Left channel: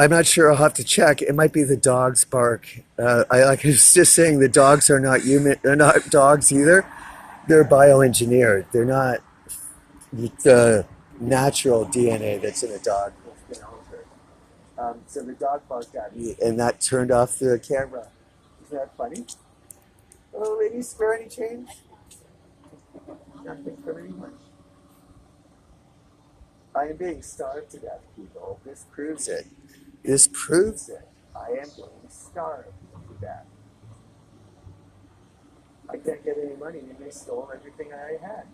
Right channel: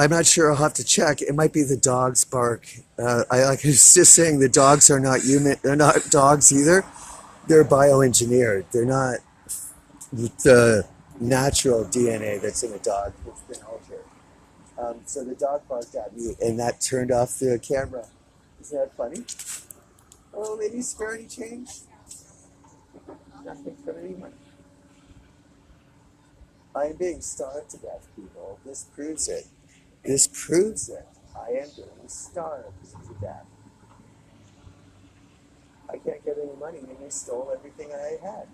I'm not sure. I'll have to check. It might be the dog's bark. I was just saying the dogs are not human. They're not dogs either. They're bioengineered. They're not the natural DNA that's in a dog that's been altered. So the dog barked at me, and that turned off the camera. Isn't that funny? Oh, lady, spare any change? Nothing from anyone. I am being starved to death, people. This proves it. This proves it. I am being starved to death. I can't get any money, and they stole everything I had.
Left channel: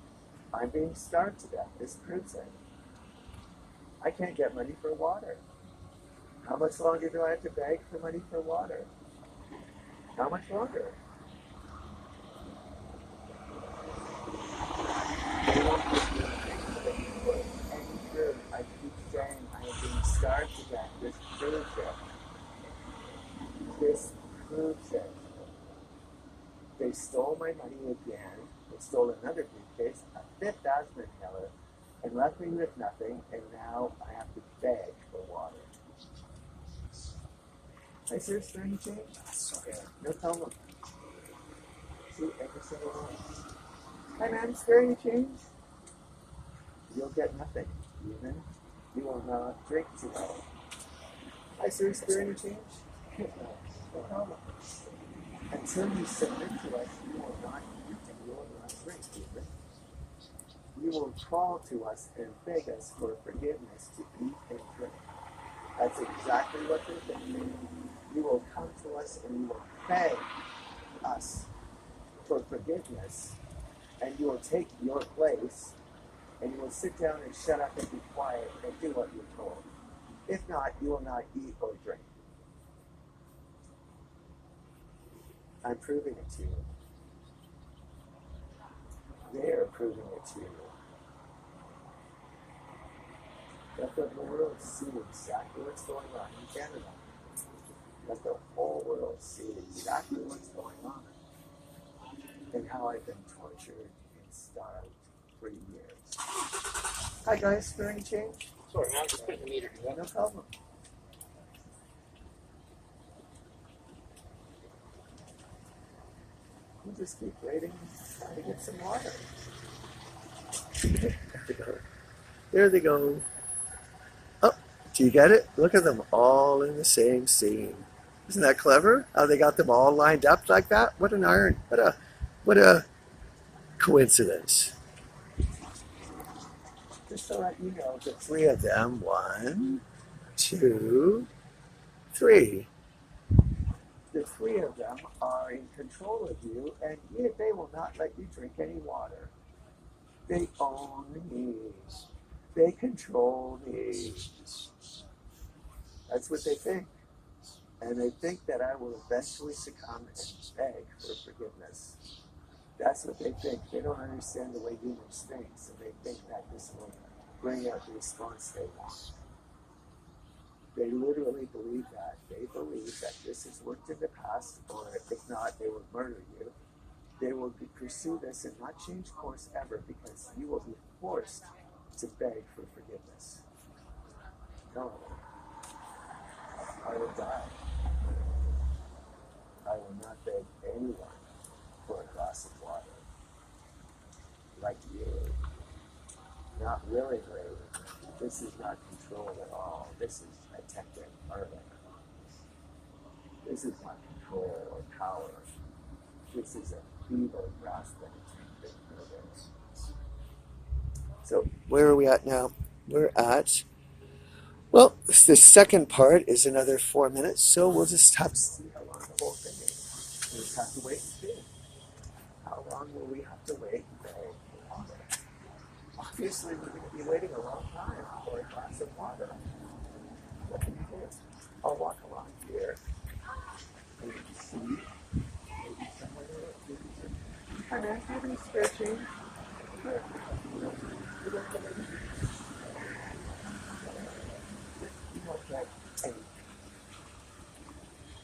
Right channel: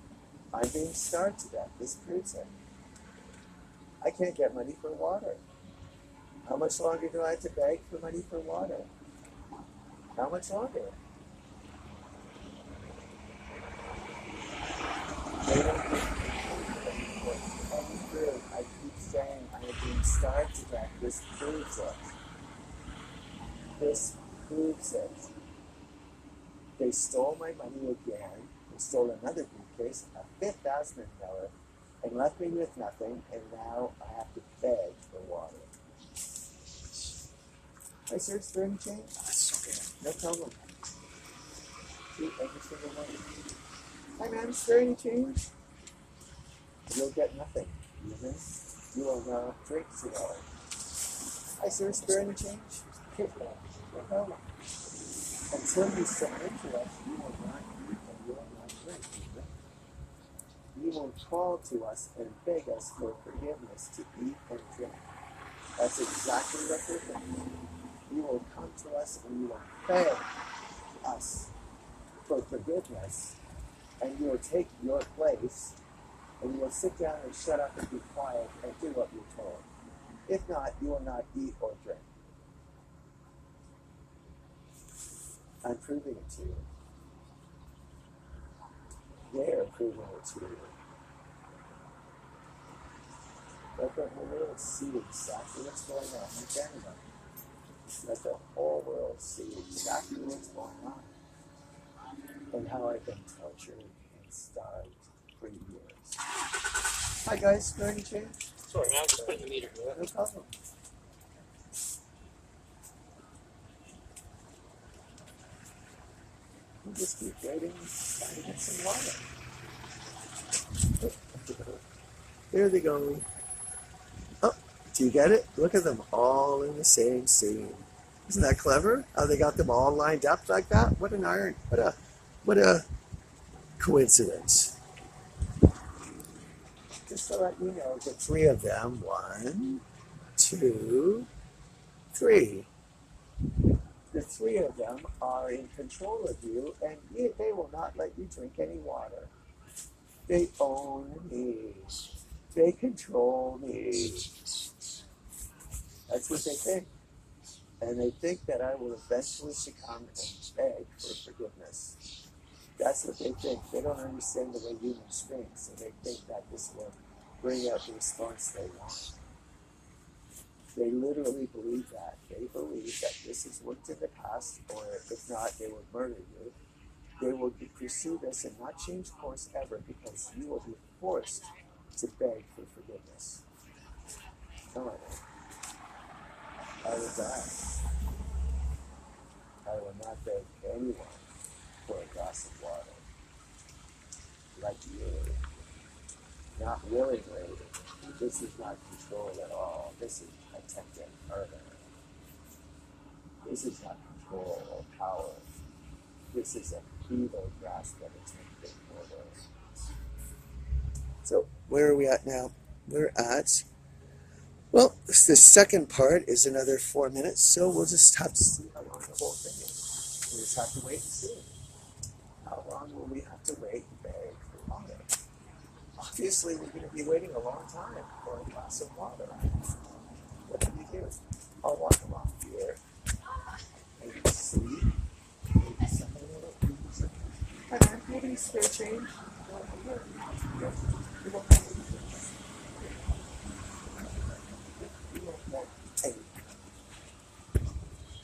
I'm being starved to death. This proves it. I can't get money for water. How much longer do I have to beg for money for water? How much longer? They won't give me any food. I keep saying I am being starved to death. This proves it. This proves it. They stole my money again. They stole another briefcase, a fifth asthma inhaler, and left me with nothing, and now I have to beg for water. Hi, sir, is there any change? No problem. See, every single one. Hi, ma'am, is there any change? You'll get nothing. Even you will not drink $2. Hi, sir, is there any change? No problem. Until you submit to us, you will not eat and you will not drink. You will crawl to us and beg us for forgiveness to eat and drink. That's exactly what you're doing. You will come to us and you will beg us for forgiveness, and you will take your place, and you will sit down and shut up and be quiet and do what you're told. If not, you will not eat or drink. I'm proving it to you. They are proving it to you. Let the whole world see exactly what's going on in Canada. Let the whole world see exactly what's going on and how I've been tortured and starved for years. Hi guys, spare any change? Sorry, man, I'm just putting the meter here. No problem. You just keep waiting, trying to get some water. There they go. Oh, do you get it? Look at them all in the same scene. Isn't that clever? How they got them all lined up like that? What an iron! What a coincidence. Just to let you know, the three of them, 1, 2, 3. The three of them are in control of you, and yet they will not let you drink any water. They own me. They control me. That's what they think. And they think that I will eventually succumb and beg for forgiveness. That's what they think. They don't understand the way humans think, so they think that this will bring out the response they want. They literally believe that. They believe that this has worked in the past, or if not, they will murder you. They will pursue this and not change course ever, because you will be forced to beg for forgiveness. No, I will die. I will not beg anyone for a glass of water. Like you. Not willingly. This is not control at all. This is attempted murder. This is not control or power. This is a feeble grasp at attempted murder. So where are we at now? We're at, well, the second part is another 4 minutes, so we'll just have to see how long the whole thing is. We'll just have to wait and see. How long will we have to wait and beg for water? Obviously, we're going to be waiting a long time for a glass of water. What do you do? I'll walk along here. Maybe see. Maybe somewhere maybe some. Hi, man. Do you have any spare change? Here. You won't get anything. You won't get anything.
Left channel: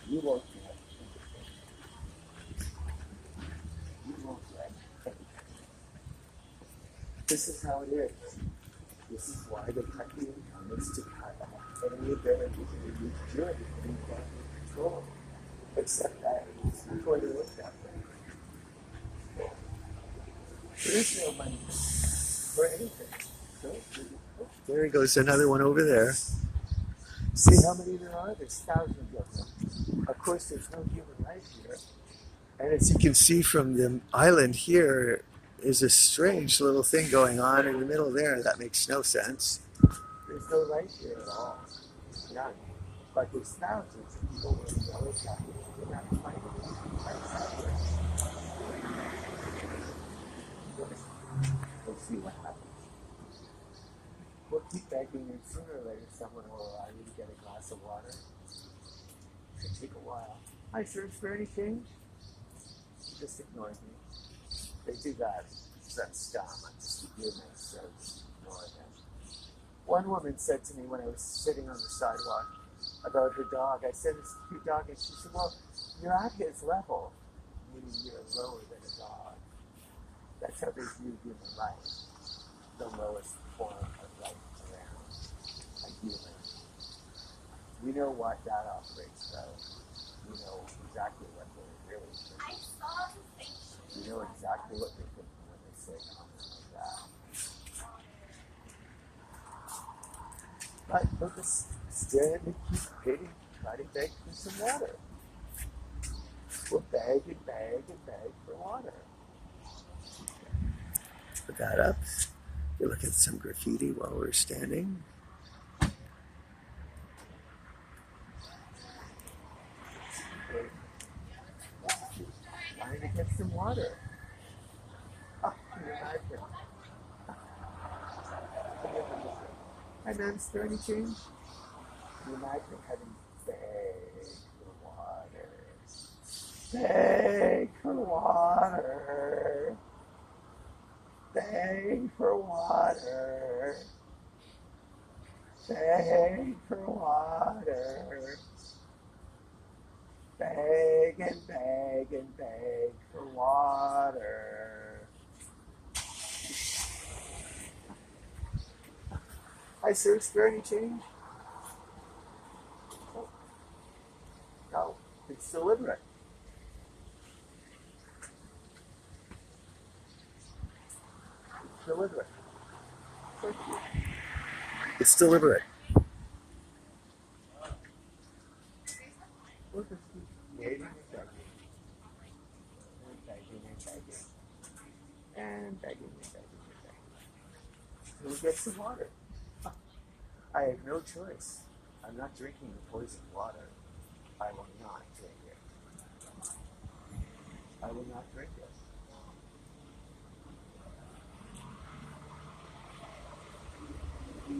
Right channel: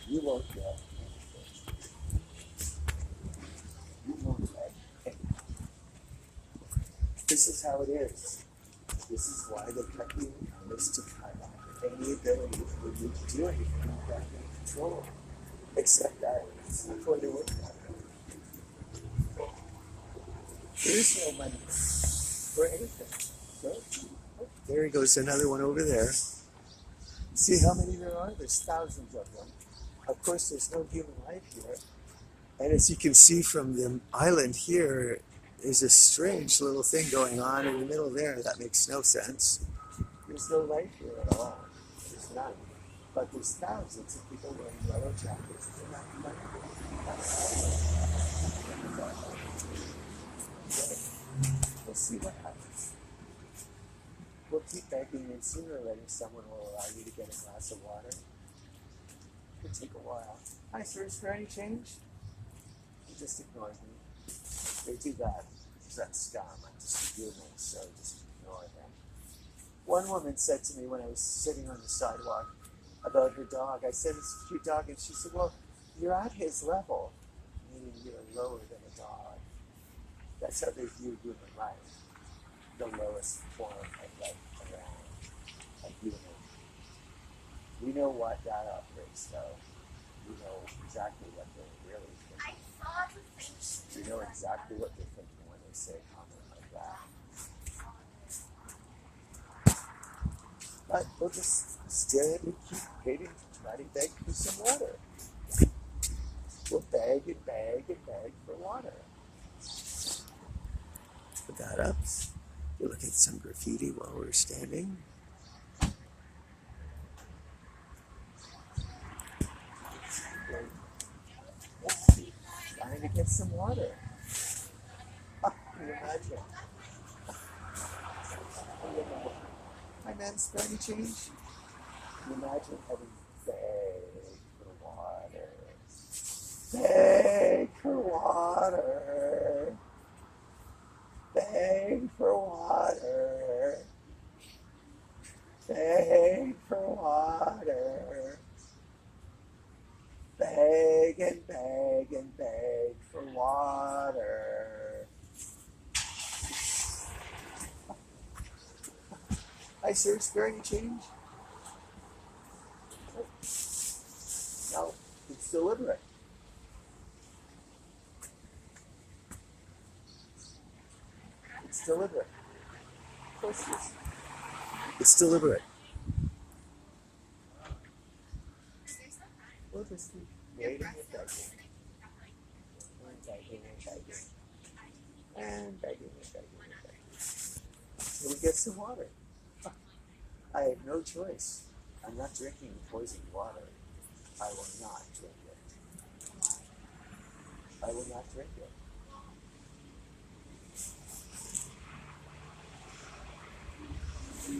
You won't get anything. You won't get anything. This is how it is. This is why they cut you in, is to cut off any ability for you to do anything you can't control. Except that it's not going to work that way. There is no money for anything. So, there goes another one over there. See how many there are? There's thousands of them. Of course, there's no human life here. And as you can see from the island here, there's a strange little thing going on in the middle there. That makes no sense. There's no life here at all. There's none. But there's thousands of people wearing yellow jackets. Isn't that funny? We'll see what happens. We'll keep begging, and sooner or later someone will allow you to get a glass of water. It could take a while. Hi, sir, is there any change? You just ignored me. They do that. That scum. I'm just a human, so just ignore them. One woman said to me when I was sitting on the sidewalk about her dog, I said, it's a cute dog, and she said, well, you're at his level, meaning you're lower than a dog. That's how they view human life, the lowest form of life around, a human. We know what that operates, though. We know exactly what they're really thinking. We know exactly what they're thinking when they say a comment like that. But we'll just stand and keep waiting to try to beg for some water. We'll beg and beg and beg for water. Put that up. You look at some graffiti while we're standing. Trying to get some water. Oh, can you imagine? Hi, man, is there any change? Can you imagine having to beg for water? Beg for water. Beg for water. Beg for water. Beg and beg and beg for water. Hi, sir, is there any change? Oh. No, it's deliberate. It's deliberate. Of course it is. It's deliberate. We'll just keep waiting and begging. And begging and begging. And begging and begging and begging. So we get some water. I have no choice. I'm not drinking the poisoned water. I will not drink it. I will not drink it.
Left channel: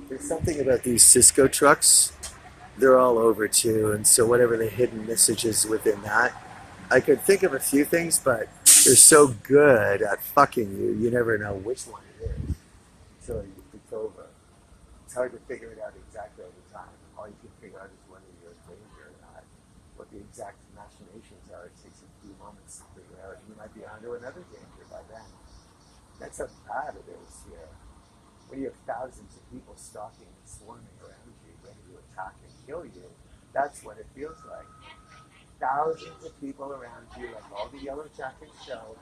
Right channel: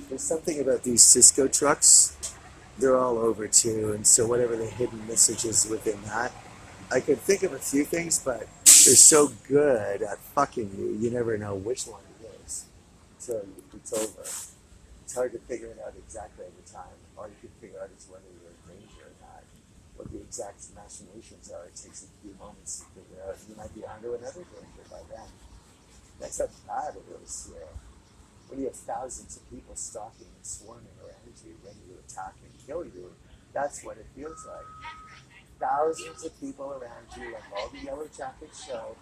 There's something about these Cisco trucks. They're all over too, and so whatever the hidden message is within that, I could think of a few things, but they're so good at fucking you, you never know which one it is until it's over. It's hard to figure it out exactly at the time. All you can figure out is whether you're in danger or not. What the exact machinations are, it takes a few moments to figure out. You might be onto another danger by then. That's how bad it is here. When you have thousands of people stalking and swarming around you, ready to attack and kill you, that's what it feels like. Thousands of people around you, like all the yellow jackets show,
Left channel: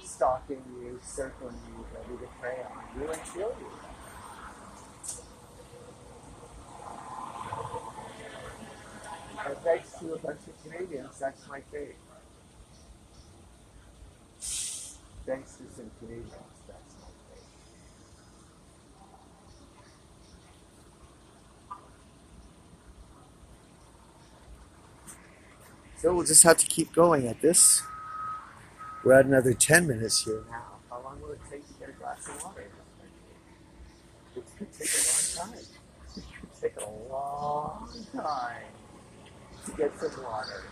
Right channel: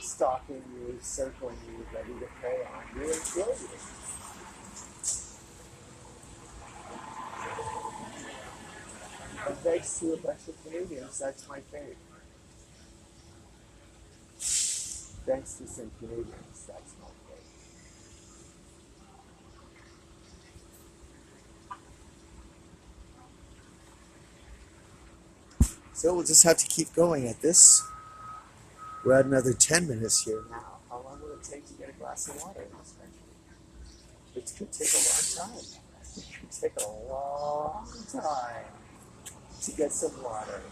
stalking you, circling you, ready to prey on you and kill you. And thanks to a bunch of Canadians, that's my fate. Thanks to some Canadians, that's my fate. So we'll just have to keep going at this. We're at another 10 minutes here now. How long will it take to get a glass of water in this country? It could take a long time. It could take a long time to get some water.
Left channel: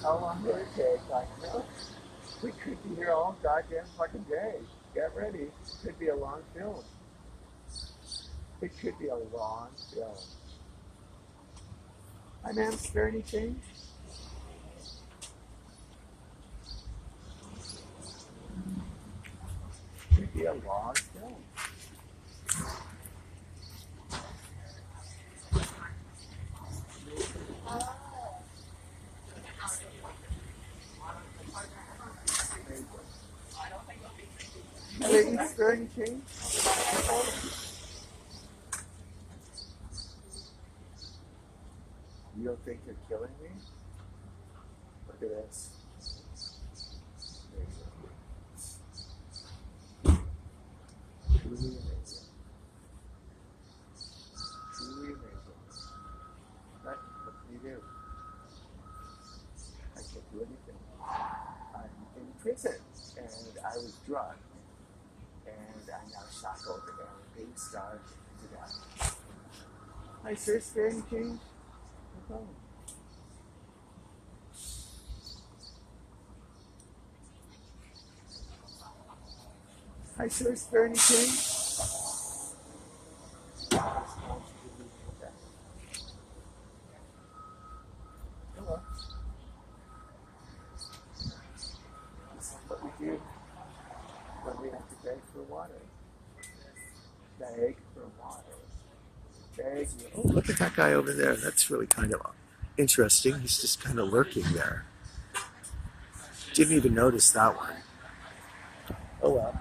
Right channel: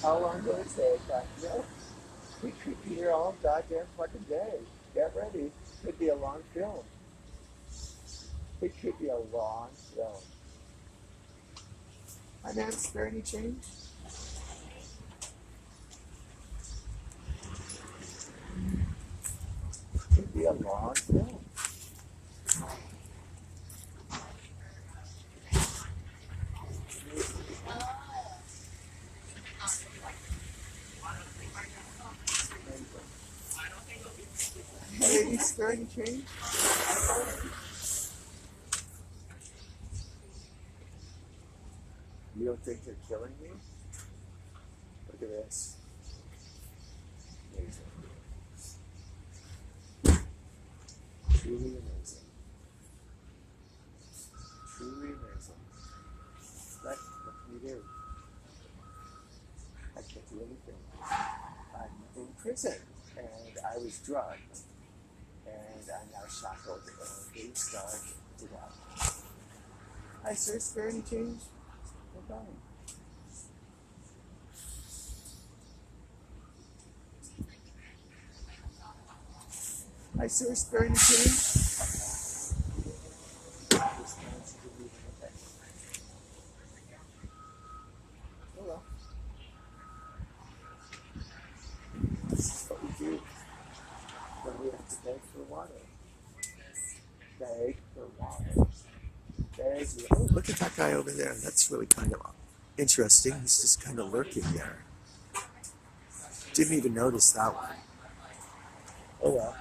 How long will it take? I don't know. We could be here all goddamn fucking day. Get ready. It could be a long film. It could be a long film. Hi, ma'am, is there any change? It could be a long film. there any change? You don't think you're killing me? Look at this. Amazing. Truly amazing. Truly amazing. What can you do? I can't do anything. I'm in prison, and I was drugged, and I'm now shackled and being starved to death. Hi, sir. Is there any change? No problem. Hi, sir. Is there any change? Oh well. This is what we do when we have to beg for water. Beg for water. Beg. Oh, look at that guy over there. That's really kind of interesting. He's just kind of lurking there. Didn't even notice that one. Oh well.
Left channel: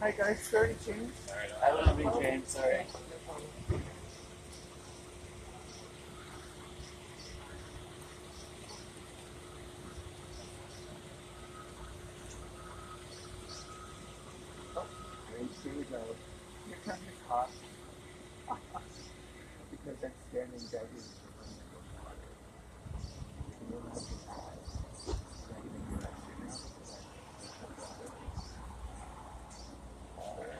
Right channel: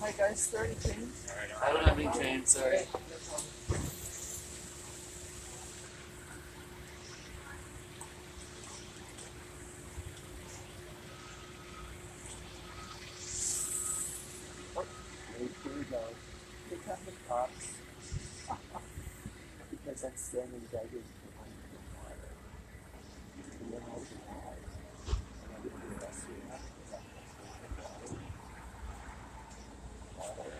Hi guys, 30 change? I don't have any change, sorry. Oh, here we go. Here come the cops. Because I'm standing begging for my water. And then I can hide. And everybody arrested me. Water.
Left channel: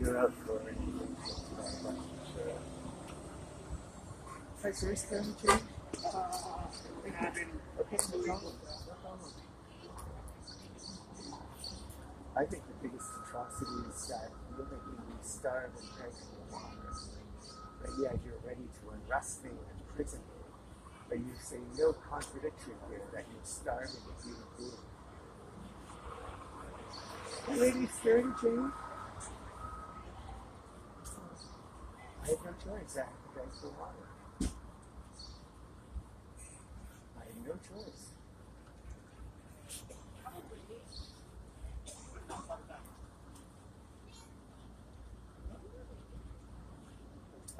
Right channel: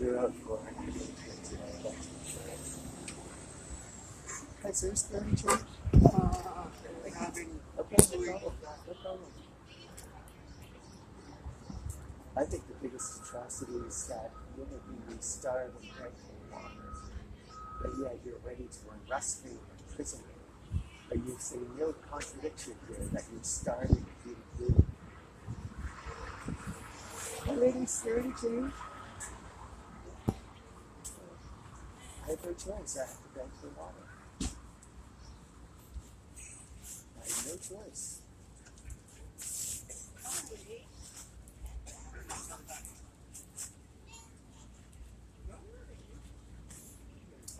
You're out for anything today, but hi, sir, is there any change? Okay, no problem. No problem. I think the biggest atrocity is that you're making me starve and beg for water. But yet you're ready to arrest me and imprison me. But you say no contradiction here that you're starving and eating food. Hey lady, is there any change? I have no choice. I have to beg for water. I have no choice. I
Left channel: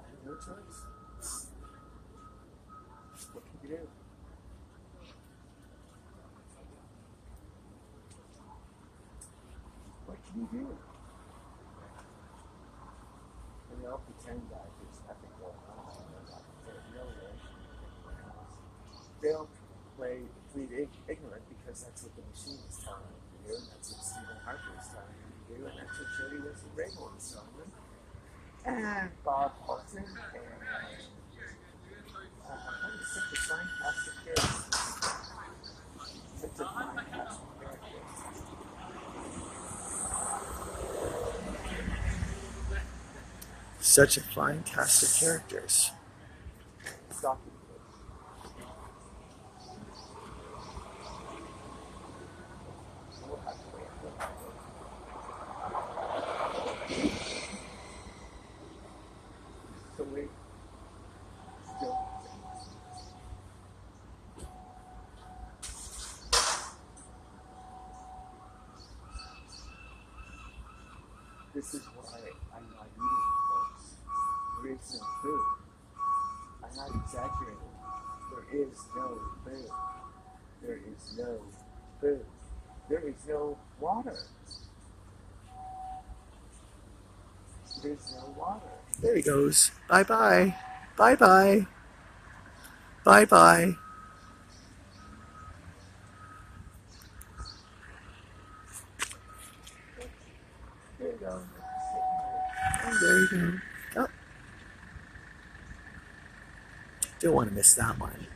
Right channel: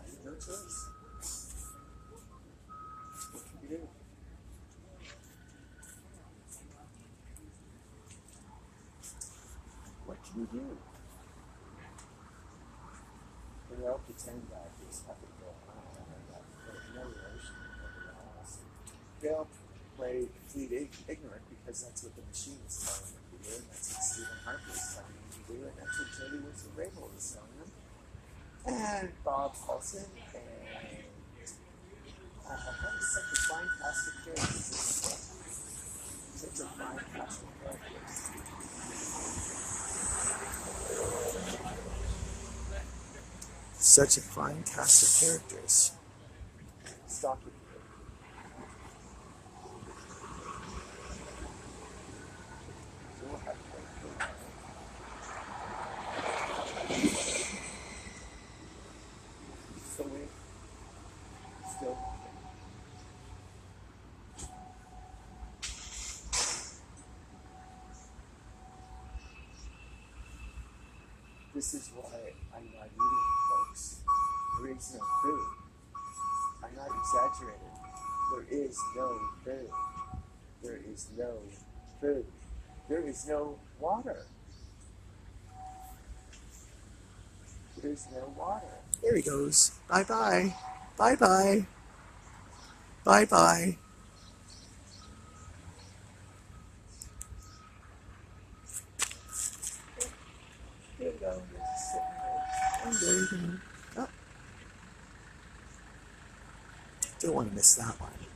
have no choice. What can you do? What can you do? And they'll pretend that there's nothing going on and that there's no relation to anyone else. They'll play complete ignorant because that's what the machine is telling them to do, and that's what Stephen Harper is telling them to do, and that's what Jody Wilson-Raybould is telling them. And Bob Paulson and that is such a fine cast of characters. Such a fine cast of characters. Such a fine cast of characters. Stalking. So we'll have to wait for that. So we still. This is why I'm not eating, folks. There is no food. I'm not exaggerating. There is no food. There is no food. There is no water. There's no water. There he goes. Bye-bye. Bye-bye. Bye-bye. There you go. Just sitting there. And there you go. Oh. Don't want to miss that one.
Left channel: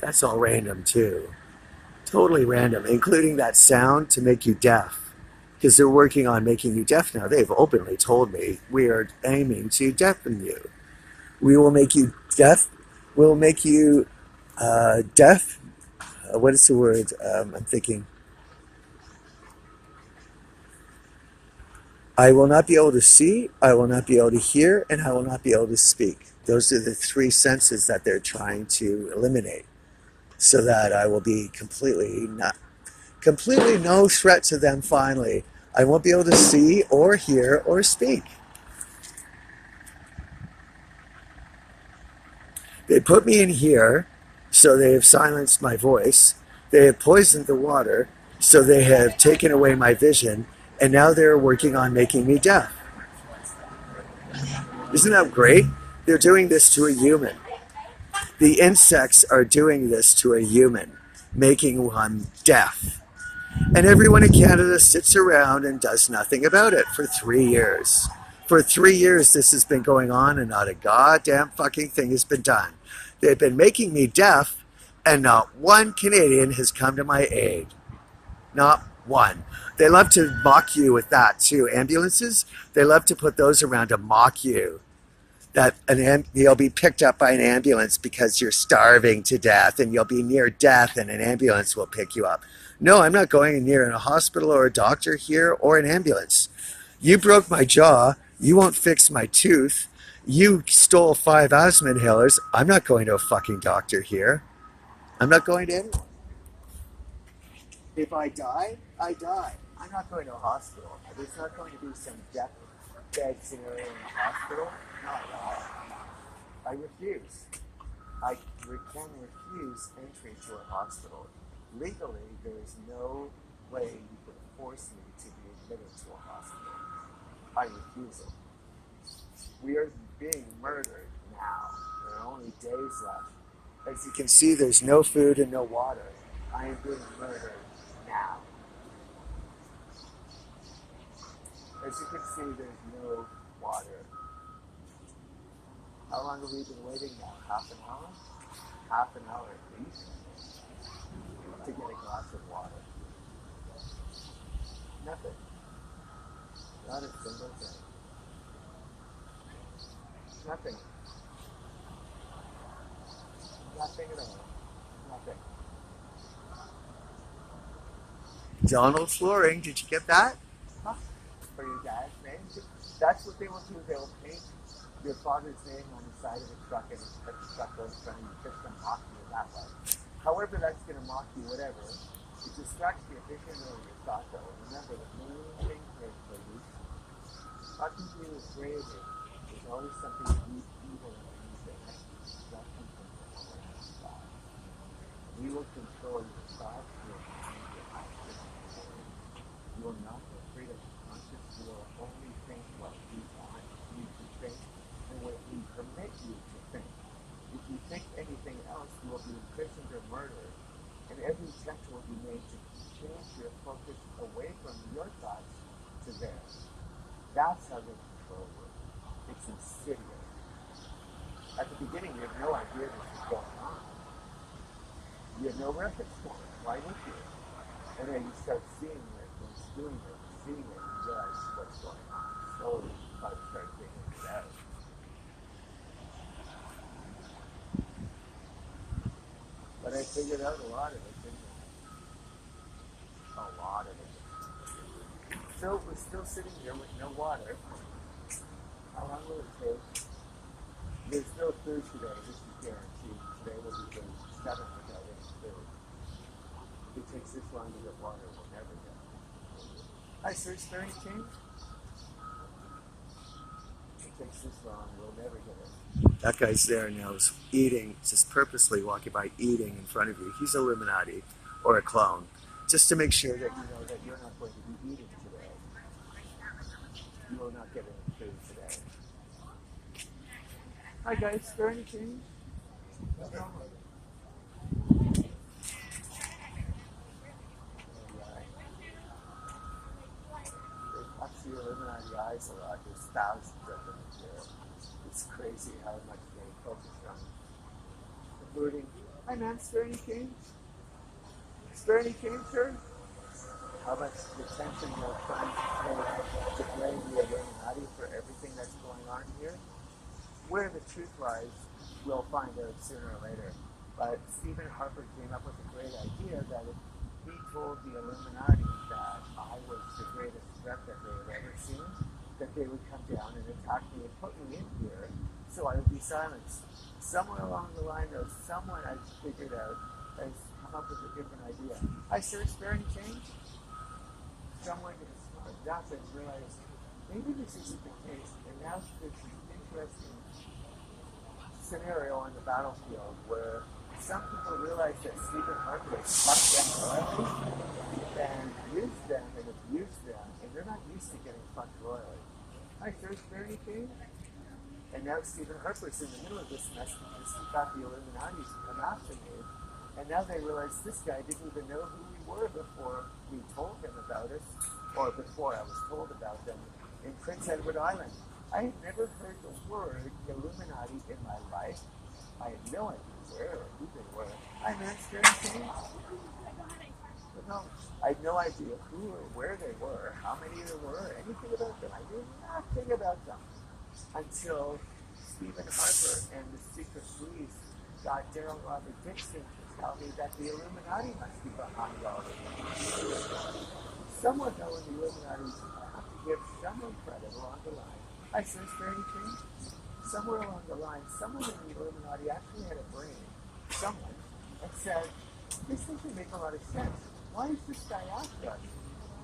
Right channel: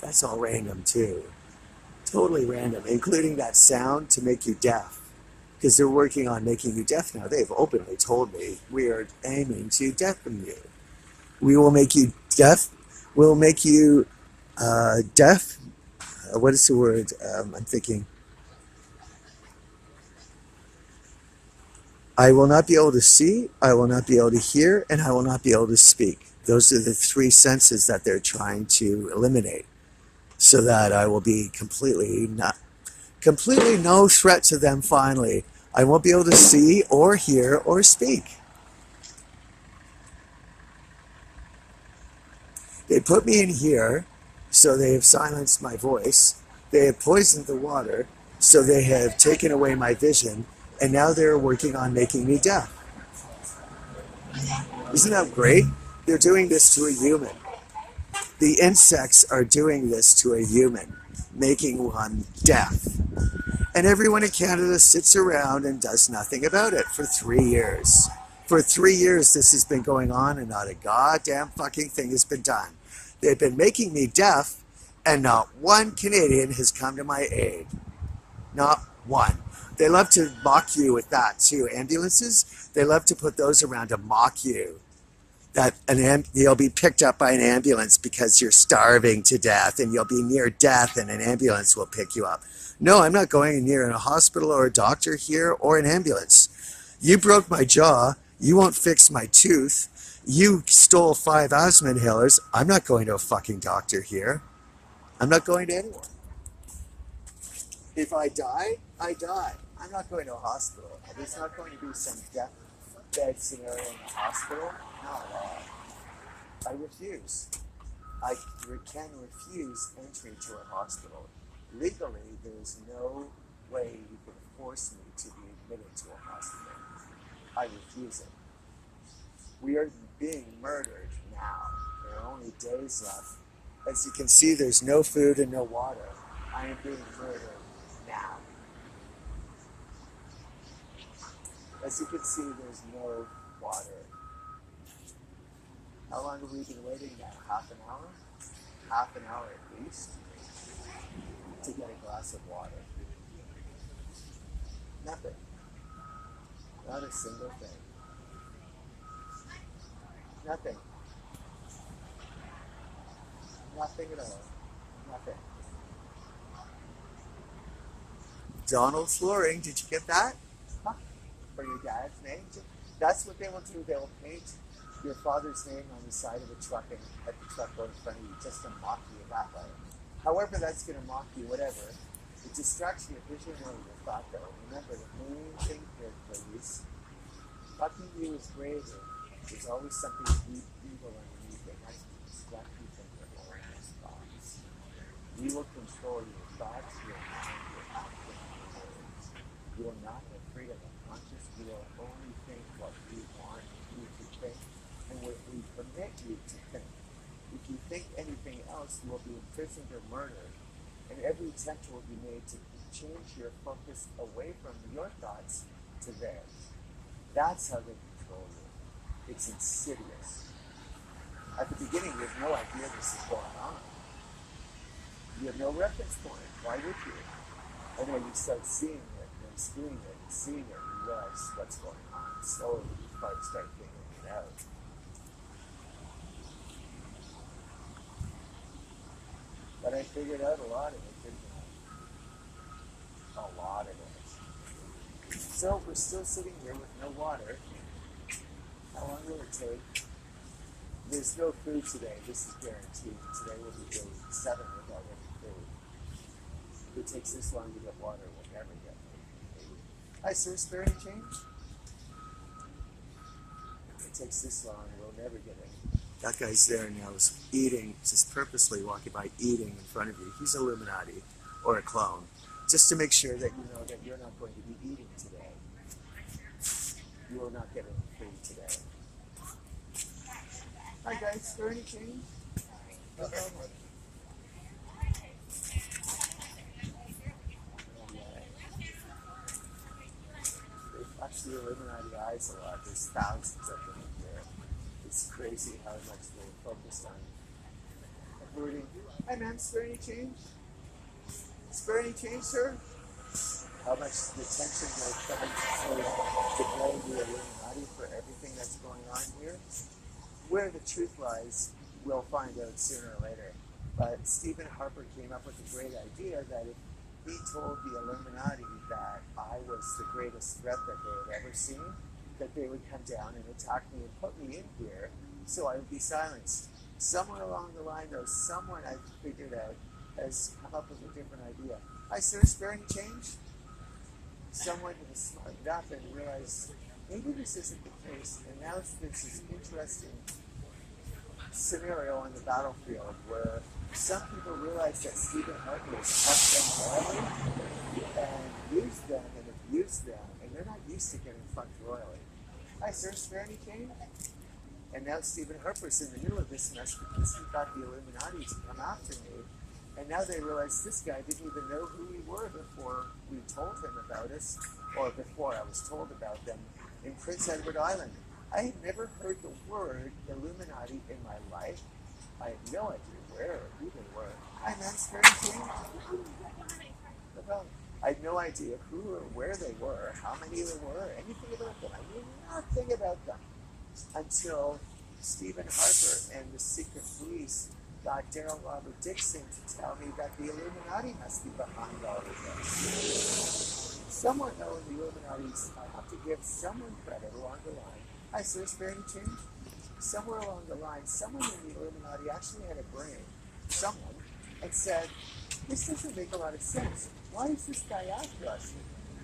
That's That's all random too. Totally random, including that sound to make you deaf. Because they're working on making you deaf now. They've openly told me we are aiming to deafen you. We will make you deaf. We'll make you deaf. What is the word? I'm thinking. I will not be able to see, I will not be able to hear, and I will not be able to speak. Those are the three senses that they're trying to eliminate, so that I will be completely no threat to them finally. I won't be able to see or hear or speak. They put me in here, so they have silenced my voice. They have poisoned the water, so they have taken away my vision, and now they're working on making me deaf. Isn't that great? They're doing this to a human. The insects are doing this to a human, making one deaf. And everyone in Canada sits around and does nothing about it for 3 years. For 3 years, this has been going on and not a goddamn fucking thing has been done. They've been making me deaf, and not one Canadian has come to my aid. Not one. They love to mock you with that too. Ambulances, they love to put those around to mock you. That you'll be picked up by an ambulance because you're starving to death, and you'll be near death and an ambulance will pick you up. No, I'm not going near a hospital or a doctor here or an ambulance. You broke my jaw. You won't fix my tooth. You stole 5 asthma inhalers. I'm not going to a fucking doctor here. I'm not going to anyone. If I die, I die. I'm not going to a hospital. There's not going to be some deathbed scenario in the hospital. Not at all. I refuse. I can refuse entry to a hospital. Legally, there is no way you could force me to be admitted to a hospital. I refuse it. We are being murdered now. There are only days left. As you can see, there's no food and no water. I am being murdered now. As you can see, there's no water. How long have we been waiting now? Half an hour? Half an hour at least to get a glass of water. Nothing. Not a single thing. Nothing. Nothing at all. Nothing. Donald Flooring, did you get that? Huh? For your dad's name? That's what they will do. They will paint your father's name on the side of a truck and let the truck go in front of you just to mock you that way. However that's going to mock you, whatever, it distracts your vision or your thought though. Remember, the main thing here, ladies, mocking you is bravery. There's always something deep, evil underneath it. That's to distract you from your own thoughts. We will control your thoughts, your mind, your actions, your words. You will not have freedom of conscience. You will only think what we want you to think and what we permit you to think. If you think anything else, you will be imprisoned or murdered, and every attempt will be made to change your focus away from your thoughts to theirs. That's how they control you. It's insidious. At the beginning, you have no idea this is going on. You have no reference point. Why would you? And then you start seeing it, and doing it, and seeing it, and you realize what's going on. Slowly, you probably start figuring it out. But I figured out a lot of it, didn't I? A lot of it. So we're still sitting here with no water. How long will it take? There's no food today. This is guaranteed. Today will be day 7 without any food. If it takes this long to get water, we'll never get it. Hi, sir. Is there any change? If it takes this long, we'll never get it. That guy's there now, is eating, just purposely walking by, eating in front of you. He's Illuminati or a clone, just to make sure that you know that you're not going to be eating today. You will not get any food today. Hi guys, is there any change? No problem. They watch the Illuminati eyes a lot. There's thousands of them here. It's crazy how much they focused on hurting. Hi ma'am, spare any change? Spare any change, sir? How much attention they're trying to blame the Illuminati for everything that's going on here. Where the truth lies, we'll find out sooner or later. But Stephen Harper came up with a great idea that if he told the Illuminati that I was the greatest threat that they had ever seen, that they would come down and attack me and put me in here so I would be silenced. Somewhere along the line, though, someone I figured out has come up with a different idea. Hi, sir, spare any change? Someone has smartened up and realized maybe this isn't the case. And now there's this interesting scenario on the battlefield where some people realize that Stephen Harper has fucked them royally and used them and abused them, and they're not used to getting fucked royally. Hi, sir, spare any change? And now Stephen Harper's in the middle of this mess because he got the Illuminati to come after me. And now they realize this guy didn't even know who we were before we told him about us, or before I was told about them in Prince Edward Island. I had never heard the word Illuminati in my life. I had no idea where or who they were. Hi, man, spare any change? No, I had no idea who or where they were, how many there were, anything about them. I knew nothing about them until Stephen Harper and the secret police got Daryl Robert Dixon to tell me that the Illuminati must be behind all of this. Someone though in the Illuminati, I have to give someone credit along the line. I sir, spare any change? Somewhere along the line, someone in the Illuminati actually had a brain, someone, and said, this doesn't make a lot of sense. Why is this guy after us?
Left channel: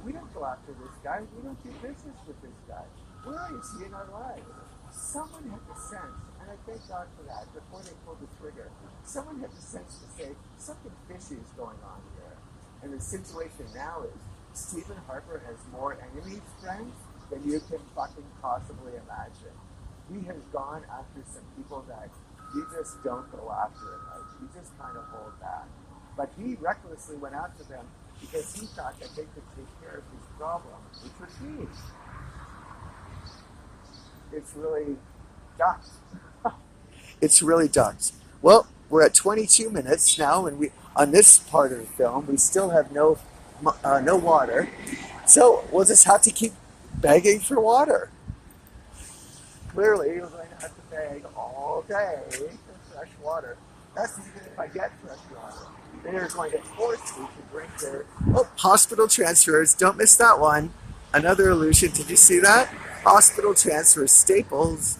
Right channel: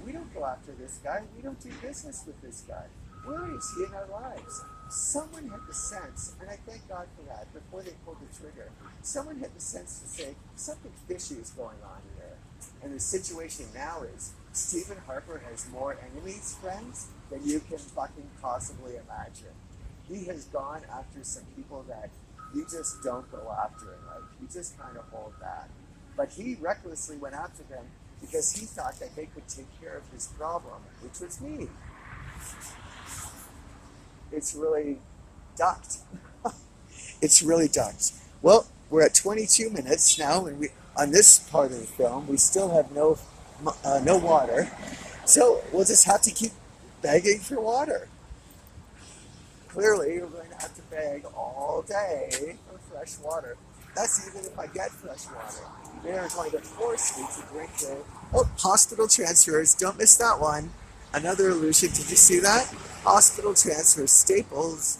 We don't go after this guy. We don't do business with this guy. Where is he in our lives? Someone had the sense, and I thank God for that, before they pulled the trigger, someone had the sense to say, something fishy is going on here. And the situation now is, Stephen Harper has more enemies, friends, than you can fucking possibly imagine. He has gone after some people that you just don't go after in life. You just kind of hold back. But he recklessly went after them because he thought that they could take care of his problem, which was me. It's really ducked. It's really ducked. Well, we're at 22 minutes now, and we on this part of the film, we still have no water. So we'll just have to keep begging for water. Clearly, we're going to have to beg all day for fresh water. That's even if I get fresh water. They are going to force me to drink their hospital transfers. Don't miss that one. Another illusion. Did you see that? Hospital transfers, Staples,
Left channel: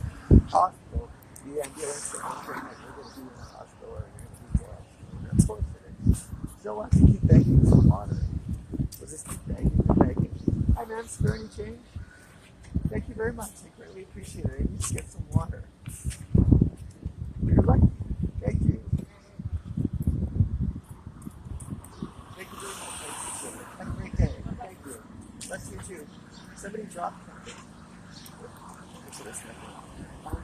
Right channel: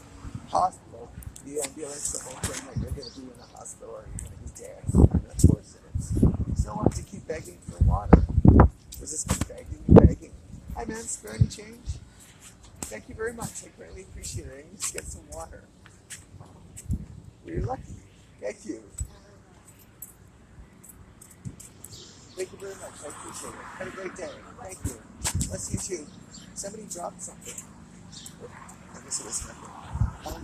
hospital. The ambulance, the whole thing that you're going to be in the hospital or you're going to be dead. And of course it is. So we'll have to keep begging for water. We'll just keep begging and begging. Hi, ma'am. Spare any change? Thank you very much. I greatly appreciate it. I need to get some water. You're lucky. Thank you. Thank you very much. I appreciate it. Have a great day. Thank you. Bless you too. Somebody dropped something. I guess it was nothing.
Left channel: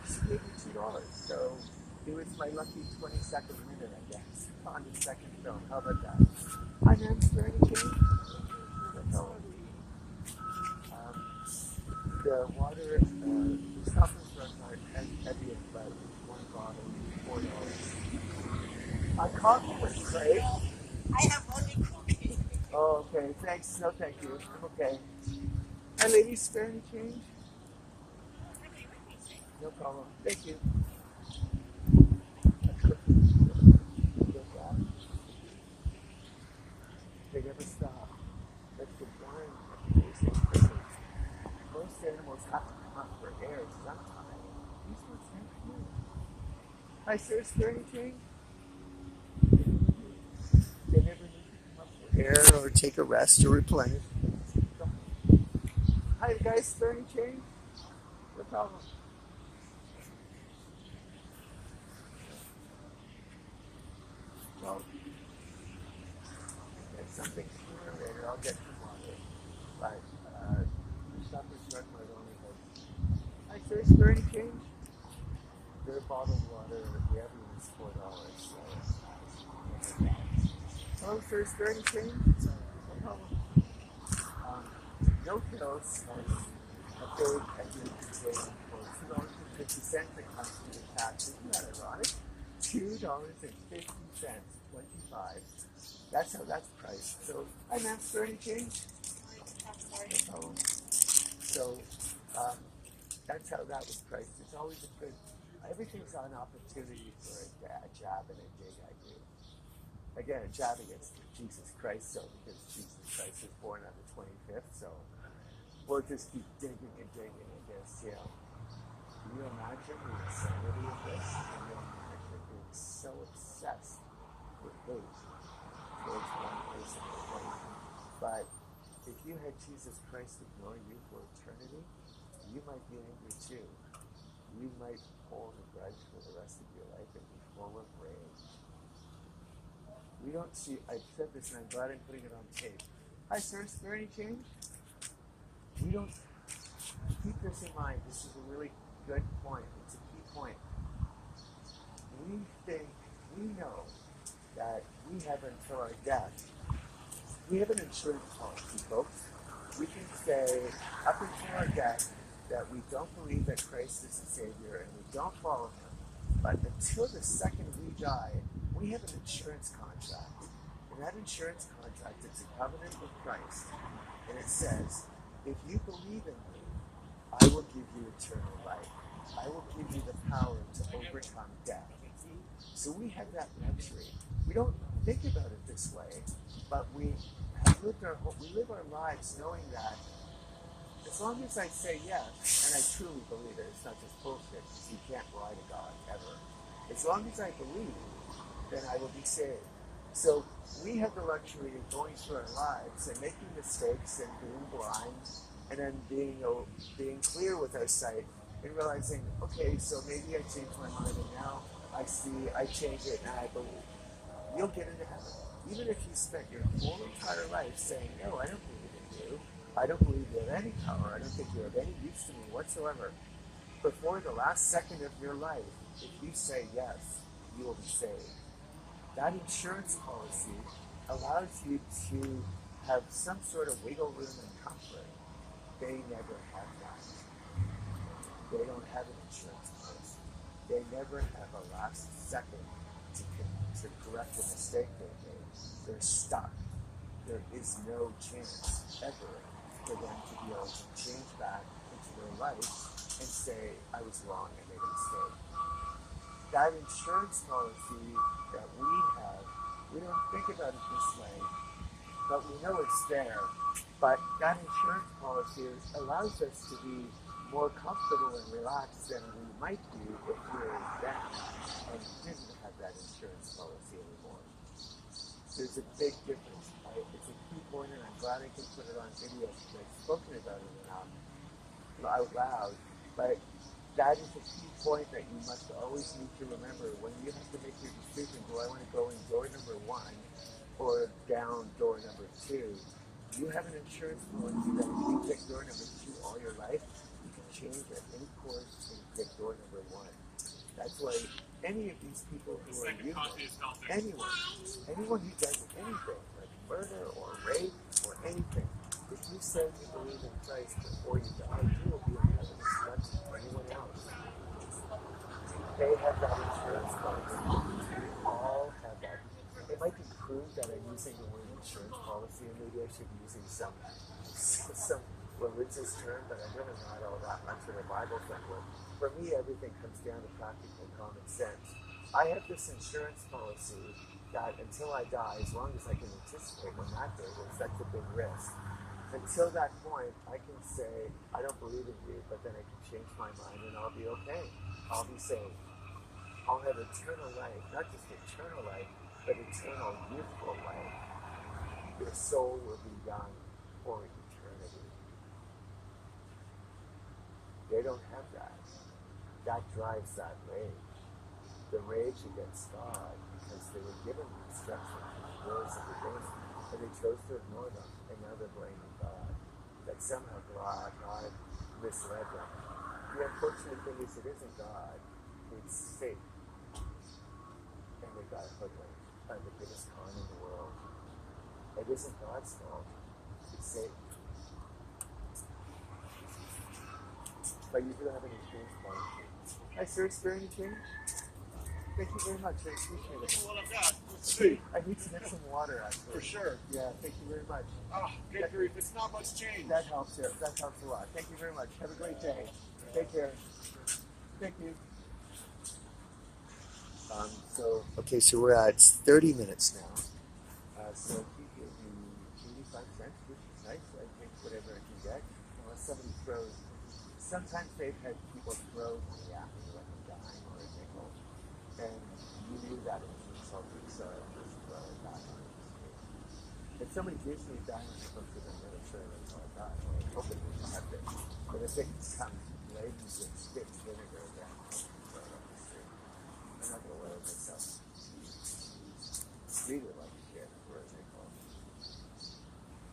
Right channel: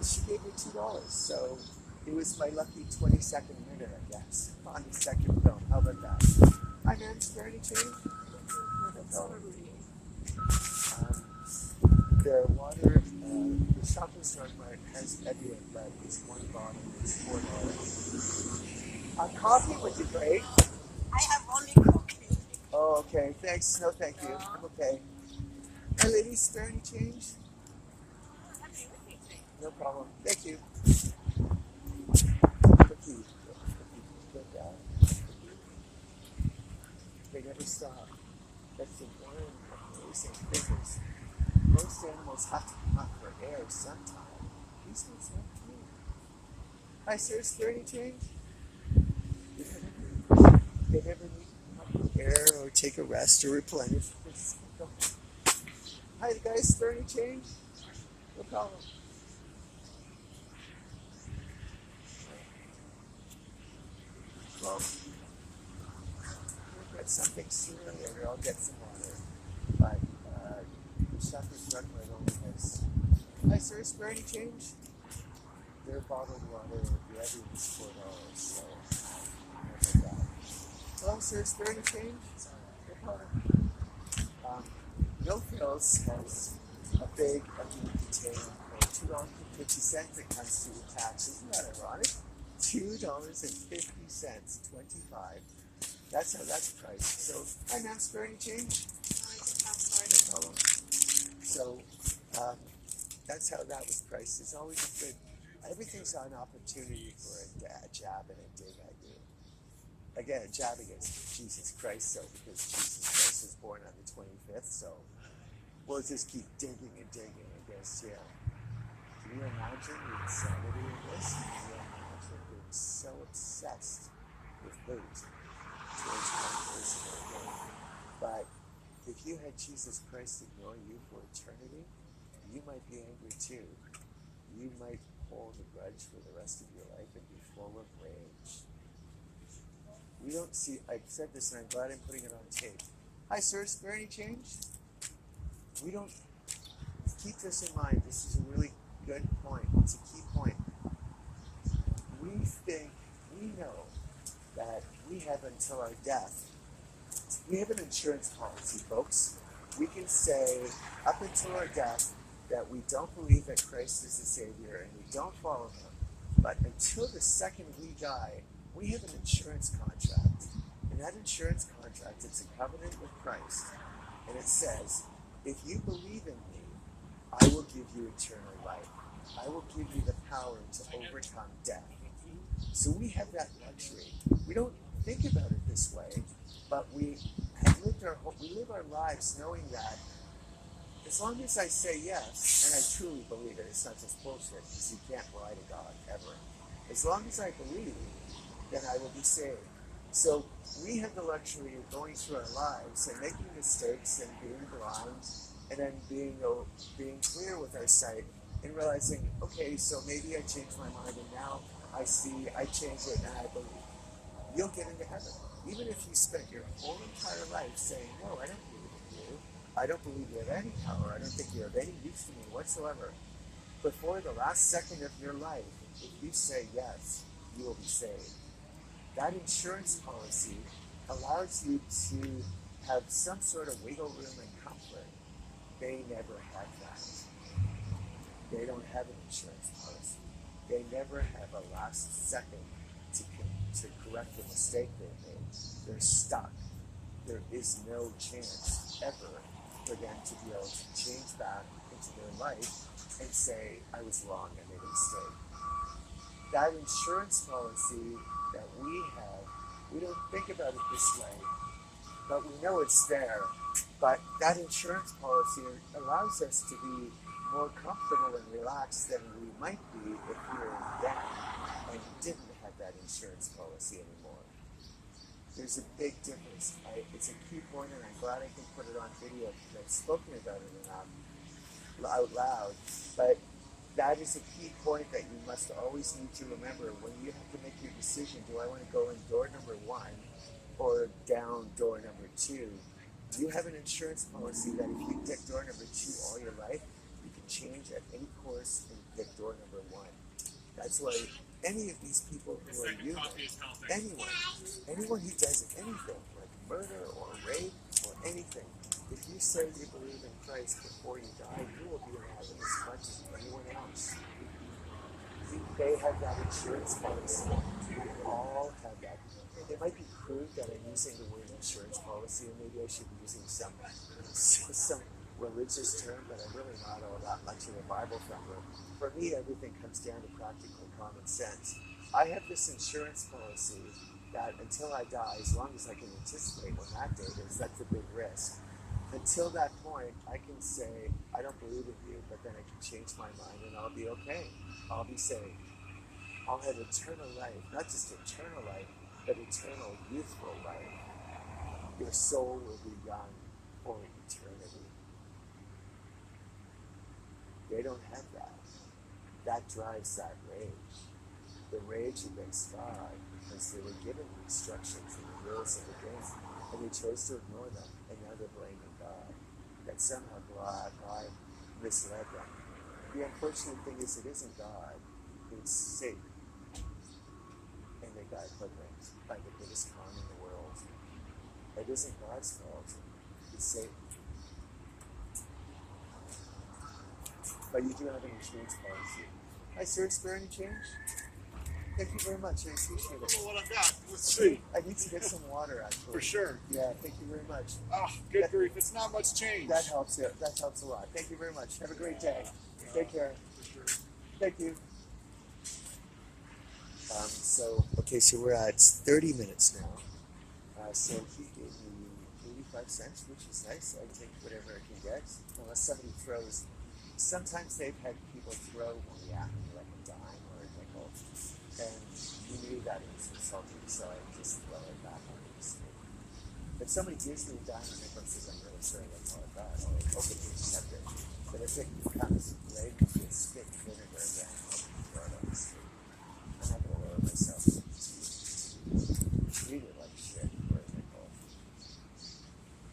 She gave me $2. So it was my lucky 22nd minute, I guess, on the second film. How about that? Hi, ma'am. Spare any change? The water, the Shoppers Drug Mart has Evian, but it's one bottle, it's $4. Coffee would be great. I have only cookie. Oh, okay. Thanks. No, thank you. I'm okay. Hi, ladies. Spare any change? No problem. Thank you. They never stop. That's the one amazing difference. Most animals have to come up for air sometime. These ones never do. Hi, sir. Spare any change? They never need to come up for air or take a rest or replenish. Hi, guys. Spare any change? No problem. Well, I'll get something sooner or later. I'll get some water. But the Shoppers Drug Mart only has. Hi, sir. Spare any change? Their bottled water, the Evian is $4. So, like that. Hello, sir. Spare any change? No problem. No Pills has a big Evian container for $2.50 that comes to the tax. Isn't that ironic? $2.50, 25. That's how that's priced. So, hi ma'am, spare any change? No problem. So, that's how that was priced. It's always a good, everything's an opportunity for a jab and a dig, I do. Again, a jab against Jesus Christ, so because Jesus Christ was born on the 25th, so we'll just keep digging and digging against him. Can you imagine the insanity of this? Can you imagine being so obsessed with hate towards one person or another? But if you had Jesus Christ ignore you for eternity, you might be angry too. You might hold a grudge for the rest of your life and be full of rage. We don't see, I've said this and I'm glad I'm putting it on tape. Hi sir, spare any change? We don't, keep this in mind, this is a really good point, it's a key point. We think, we know that we have until our death, we have an insurance policy, folks. We can say up until our death that we don't believe that Christ is the Savior and we don't follow him. But until the second we die, we have an insurance contract. And that insurance contract, it's a covenant with Christ. And it says, if you believe in me, I will give you eternal life. I will give you the power to overcome death. So we have that luxury. We don't think about it this way, but we live our lives knowing that as long as I say yes, and I truly believe it, it's not just bullshit, because you can't lie to God, ever. As long as I believe, then I will be saved. So we have the luxury of going through our lives and making mistakes and being blind, and then being clear with our sight and realizing, okay, so maybe I changed my mind and now I see, I change it and I believe. You'll get into heaven. Even if you spent your whole entire life saying, no, I don't believe in you. I don't believe you have any power. I don't think you have any use to me whatsoever. Before the last second of your life, if you say yes, you will be saved. That insurance policy allows you to have some sort of wiggle room and comfort. They never have that. They don't have an insurance policy. They never have a last second to correct a mistake they made. They're stuck. There is no chance ever for them to be able to change back into their life and say, I was wrong, I made a mistake. That insurance policy that we have, we don't think about it this way, but we know it's there. But that insurance policy allows us to be more comfortable and relaxed than we might be if we were then and didn't have that insurance policy anymore. There's a big difference. It's a key point, and I'm glad I can put it on video because I've spoken about it enough out loud. But that is a key point that you must always need to remember when you have to make your decision. Do I want to go in door number 1 or down door number 2? You have an insurance policy that if you pick door number 2 all your life, you can change at any course and pick door number 1. That's why any of these people who are human, anyone who does anything like murder or rape or anything, if you say you believe in Christ before you die, you will be in heaven as much as anyone else. They have that insurance policy. We all have that. It might be crude that I'm using the word insurance policy, and maybe I should be using some religious term, but I'm really not all that much of a Bible thumper. For me, everything comes down to practical common sense. I have this insurance policy that until I die, as long as I can anticipate when that date is, that's a big risk. Until that point, I can say, I don't believe in you, but then I can change my mind and I'll be okay. I'll be saved. I'll have eternal life, not just eternal life, but eternal youthful life. Your soul will be young for eternity. They don't have that. That drives that rage. The rage against God, because they were given the instructions and the rules of the game, and they chose to ignore them, and now they're blaming God. That somehow God misled them. The unfortunate thing is it isn't God, it's Satan. And they got hoodwinked by the biggest con in the world. It isn't God's fault, it's Satan. But you do have an insurance policy. Hi sir, spare any change? Thank you very much. I appreciate it. What I got? Let's see. I need to get some water, actually. For sure. Yeah, thank you very much. Oh, good grief. It's not much change. That helps. Yeah, that helps a lot. Thank you very much. Have a great day. Take care. Thank you. Okay, so we're at 30 minutes now. So he gave me 85 cents, which is nice. I take whatever I can get, unless somebody throws. Sometimes they've had people throw money at me, like a dime or a nickel, and you knew that it was insulting, so I just throw it back on the street. If somebody gives me a dime or nickel and says, I'm really sorry, that's all I got, I'll openly accept it. But if it comes laden with spit and vinegar, then I'll throw it on the street. I'm not going to lower myself to treat it like shit for a nickel.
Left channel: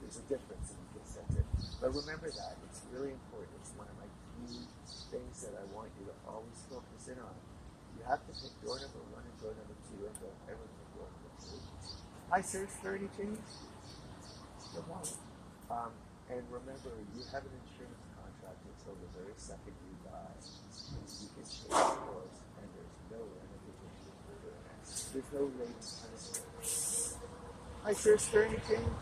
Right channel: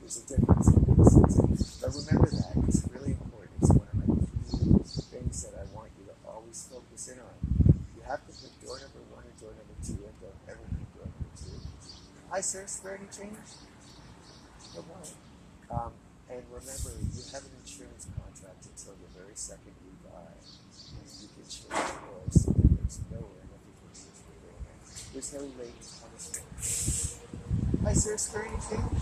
There's a difference in this. But remember that. It's really important. It's one of my key things that I want you to always focus in on. You have to pick door number 1 and door number 2, and don't ever pick door number 2. Hi, sir. Is there any change? Good morning. And remember, you have an insurance contract until the very second you die. You can change course, and there's no ramifications for doing it. There's no latent punishment. Hi, sir. Is there any change?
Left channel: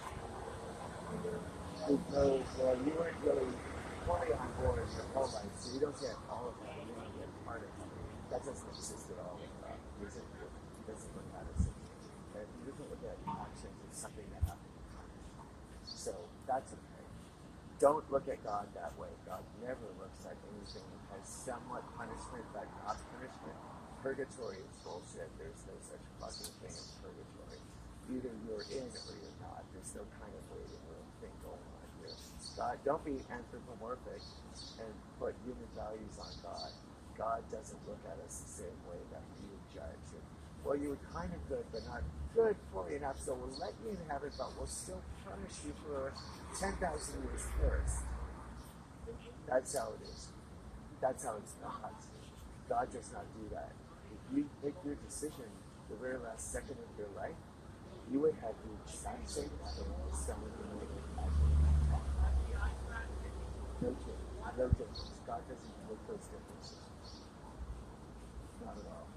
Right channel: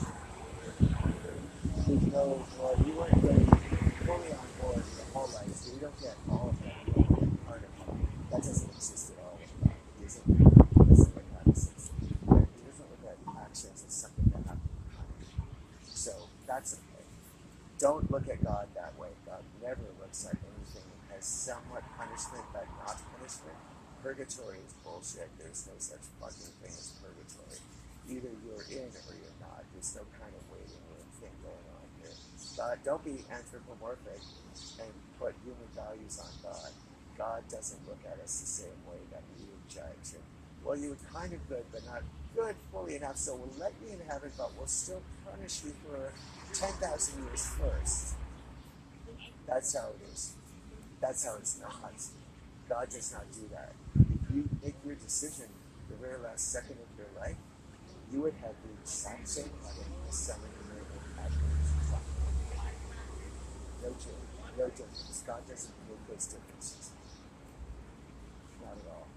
There's no, well, you weren't really fully on board your whole life, so you don't get all of that. You don't get part of it. That doesn't exist at all with God. He doesn't look at us as, he doesn't look at actions as something that have to be punished. So that's okay. Don't look at God that way. God never looks at anything as somewhat punishment, but not punishment. Purgatory is bullshit. There's no such fucking thing as purgatory. Either you're in or you're not. There's no kind of waiting room thing going on here. God, don't be anthropomorphic and put human values on God. God doesn't look at us the same way that we would judge. And, well, you were kind of good, but not good fully enough, so we'll let you in heaven, but we'll still punish you for 10,000 years first. That's how it is. That's how it's not. God does not do that. If you make your decision the very last second of your life, you would have the exact same heaven as someone who made it at no change, no difference. God doesn't make those differences. Not at all.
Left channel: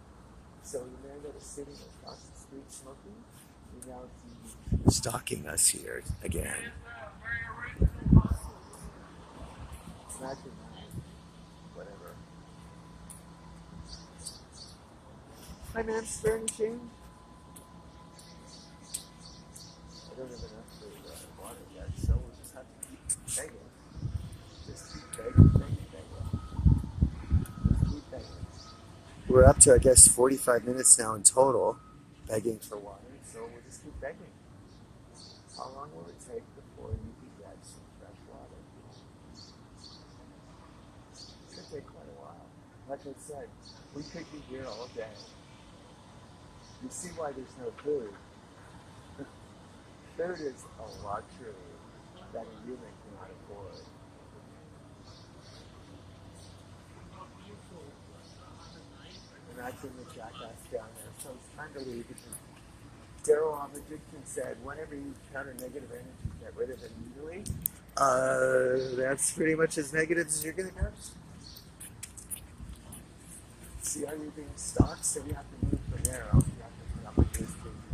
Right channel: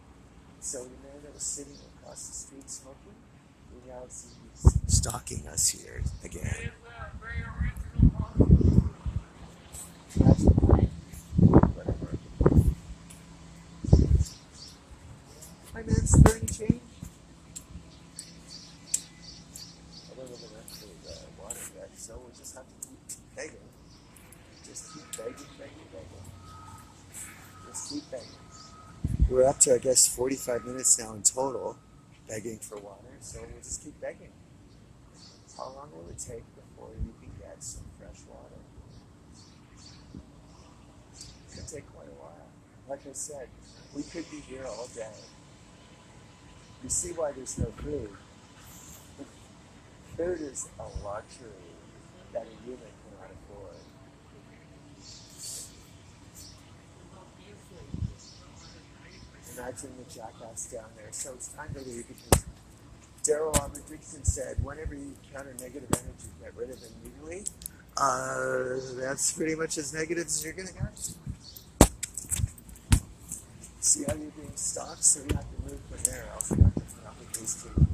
So the man that was sitting across the street smoking, we now see he's stalking us here again. Imagine, whatever. Hi, ma'am, is there any change? I don't have enough for water yet, so we'll just have to keep begging. Just keep begging. Just keep begging. We're up to, I guess, 45 minutes now in total, begging for water, so we'll just keep begging. How long will it take before you can get some fresh water? It's going to take quite a while. Like I said, we could be here all day. You see why there's no food. Food is a luxury that a human cannot afford. Imagine the jackass down there. So it's time to leave because Daryl on addiction said, whenever you encounter negative energy, get rid of it immediately. That's pretty much as negative as you're going to get. See how you're being stalked? So we have to move from there, else we have to put up with this too.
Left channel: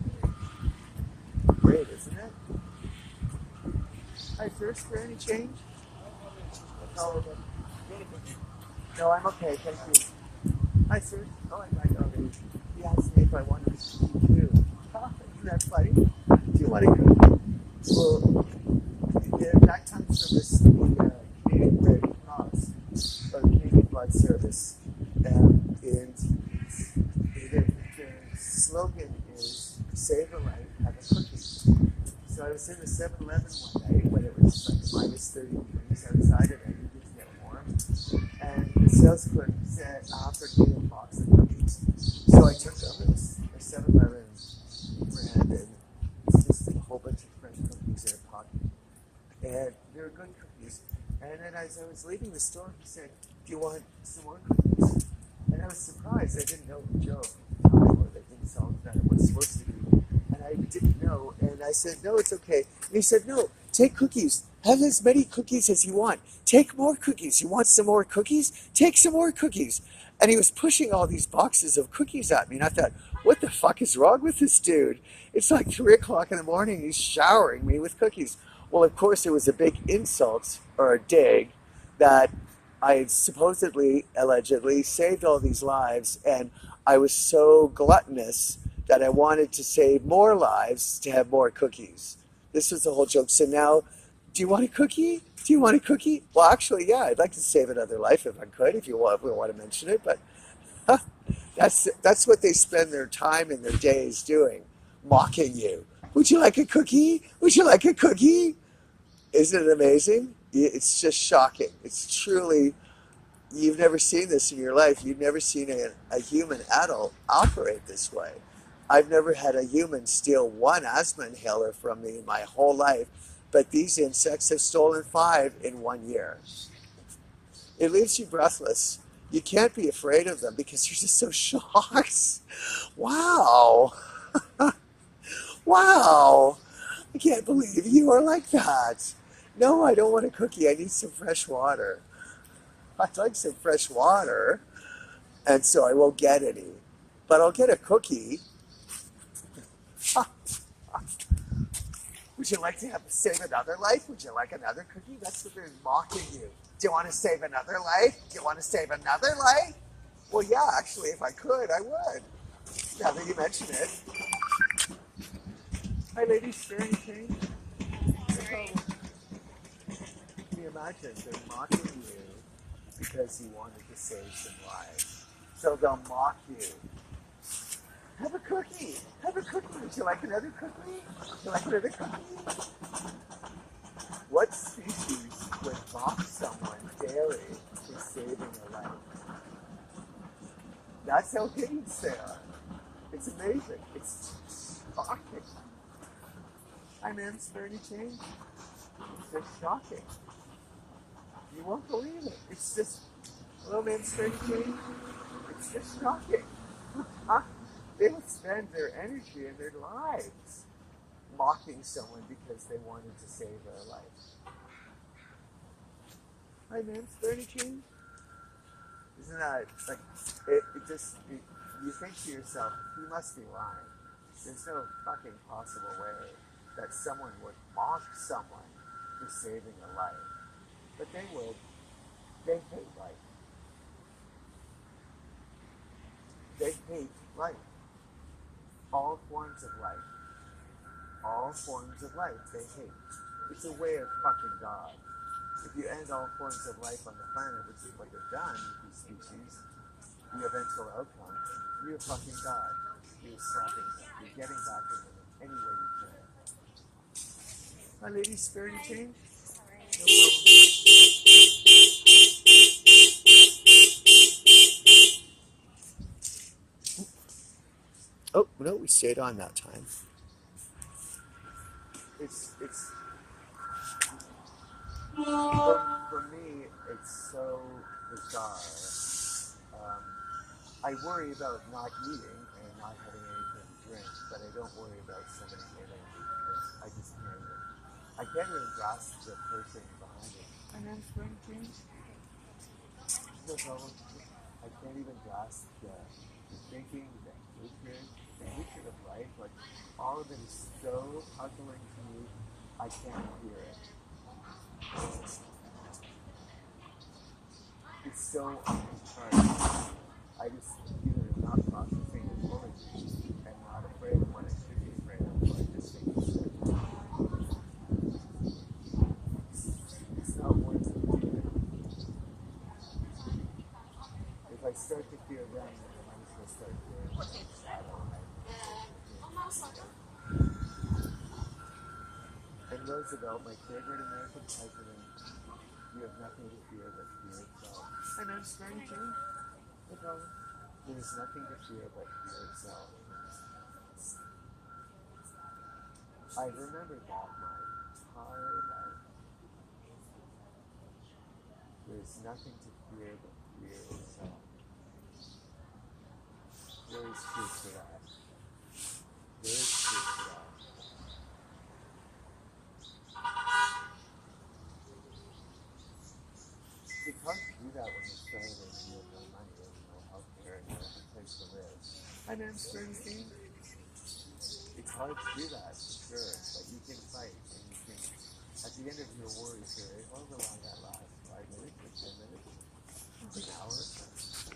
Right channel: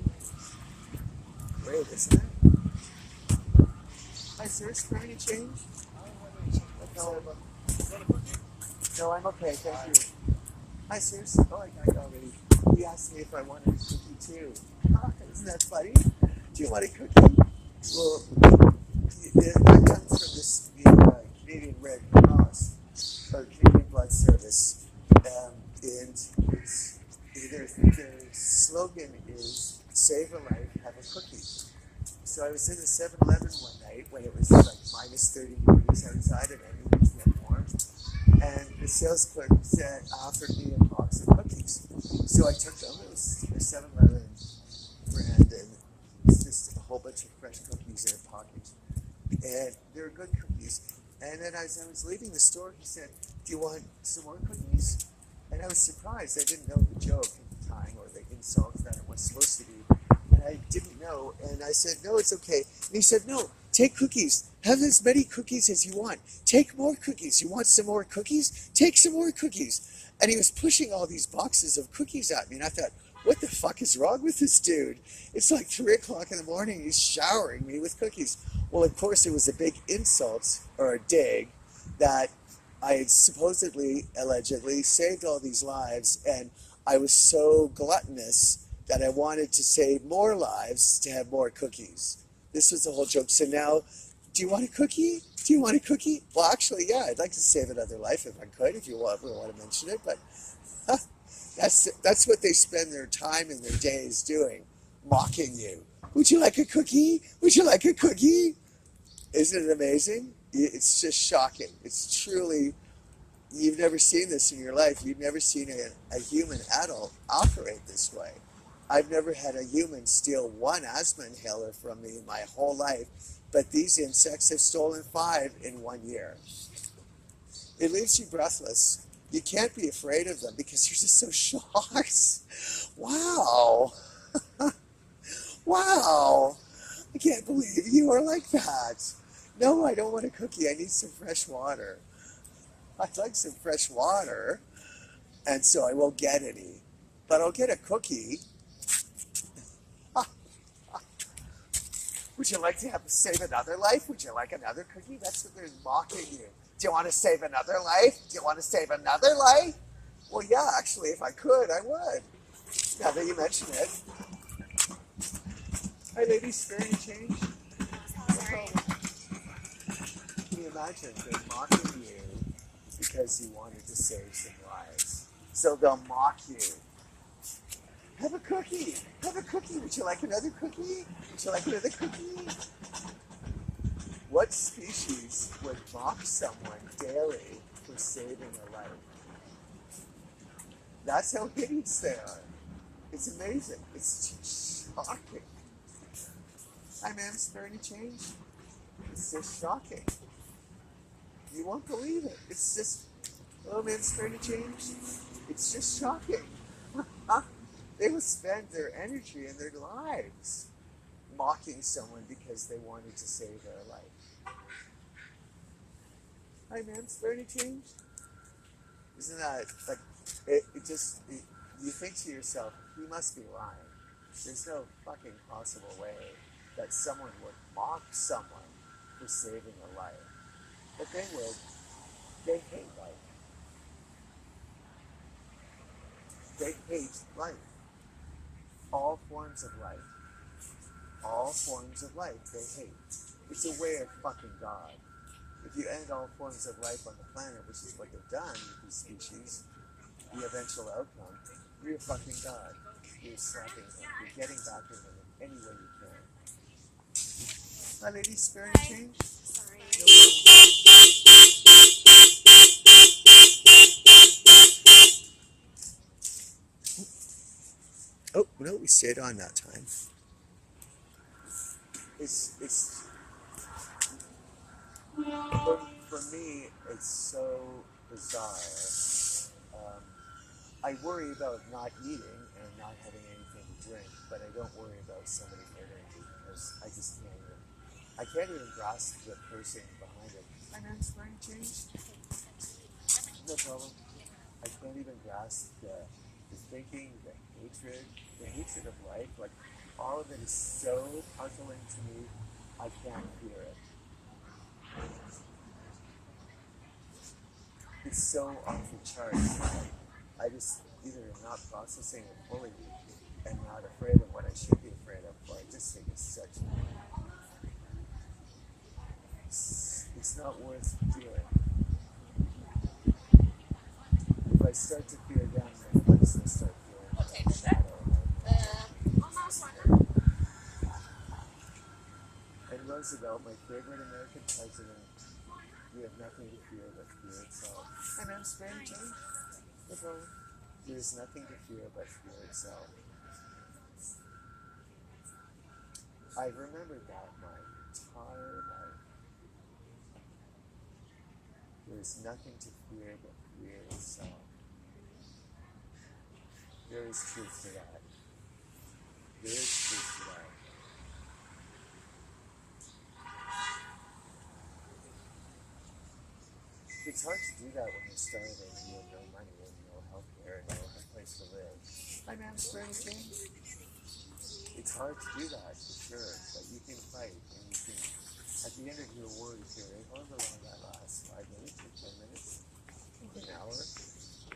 Great, isn't it? Hi, sir. Is there any change? No, I'm okay. Thank you. Hi, sir. Oh, I got it already. He asked me if I wanted a cookie too. Isn't that funny? Do you want a cookie? Well, that comes from this Canadian Red Cross or Canadian Blood Service, and their slogan is "Save a life, have a cookie." So I was in the 7-Eleven one night when it was like minus 30 degrees outside, and I needed to get warm. And the sales clerk offered me a box of cookies. So I took them. It was a 7-Eleven brand, and it's just a whole bunch of fresh cookies in a package. And they were good cookies. And then as I was leaving the store, he said, "Do you want some more cookies?" And I was surprised. I didn't know the joke at the time or the insult that it was supposed to be. And I didn't know. And I said, "No, it's okay." And he said, "No, take cookies. Have as many cookies as you want. Take more cookies. You want some more cookies? Take some more cookies. And he was pushing all these boxes of cookies at me. And I thought, what the fuck is wrong with this dude? It's like 3 o'clock in the morning. He's showering me with cookies. Well, of course, it was a big insult or a dig that I had supposedly, allegedly saved all these lives. And I was so gluttonous that I wanted to save more lives to have more cookies. This was the whole joke. So now, do you want a cookie? Do you want a cookie? Well, actually, yeah, I'd like to save another life if I could, if you want to mention it. But that's what they spend their time and their days doing, mocking you. Would you like a cookie? Would you like a cookie? Isn't it amazing? It's just shocking. It's truly, you've never seen this in your life. You've never seen a human adult operate this way. I've never had a human steal one asthma inhaler from me my whole life, but these insects have stolen 5 in 1 year. It leaves you breathless. You can't be afraid of them because you're just so shocked. Wow. Wow. I can't believe you are like that. No, I don't want a cookie. I need some fresh water. I'd like some fresh water, and so I won't get any. But I'll get a cookie. Would you like to save another life? Would you like another cookie? That's what they're mocking you. Do you want to save another life? Do you want to save another life? Well, yeah, actually, if I could, I would. Now that you mention it. Hi, ladies. Spare any change? No problem. Can you imagine? They're mocking you because you wanted to save some lives. So they'll mock you. Have a cookie. Have a cookie. Would you like another cookie? Would you like another cookie? What species would mock someone daily for saving a life? That's how hideous they are. It's amazing. It's just shocking. Hi, ma'am. Spare any change? It's just shocking. You won't believe it. It's just, hello, ma'am. Spare any change? It's just shocking. They will spend their energy and their lives mocking someone because they wanted to save their life. Hi, ma'am, spare any change? Isn't that, like, you think to yourself, he must be lying. There's no fucking possible way that someone would mock someone for saving a life. But they would. They hate life. They hate life. All forms of life. All forms of life they hate. It's a way of fucking God. If you end all forms of life on the planet, which is what they've done with these species, the eventual outcome, you're a fucking God. You're slapping them. You're getting back at them in any way you can. My lady, spare any change? Sorry. No problem. Oh, no, we stayed on that time. It's for me, it's so bizarre. I worry about not eating and not having anything to drink, but I don't worry about somebody hitting because I just can't even grasp the person behind it. My name's going to change. No problem. I can't even grasp the thinking, the hatred of life. Like, all of it is so puzzling to me, I can't hear it. It's so off the charts. I just either am not processing it fully and not afraid of what I should be afraid of, or I just think it's such. It's not worth fearing. If I start to fear them, then I just will start fearing my own shadow. And Roosevelt, my favorite American president, you have nothing to fear but fear itself. And I'm sparing change. No problem. There is nothing to fear but fear itself. I remembered that my entire life. There is nothing to fear but fear itself. There is truth to that. There is truth to that. It's hard to do that when you're starving and you have no money and no health care and no place to live. Hi, ma'am, spare any change? It's hard to do that, for sure, but you can fight and you can, at the end of your worry period, however long that lasts, 5 minutes or 10 minutes, an hour.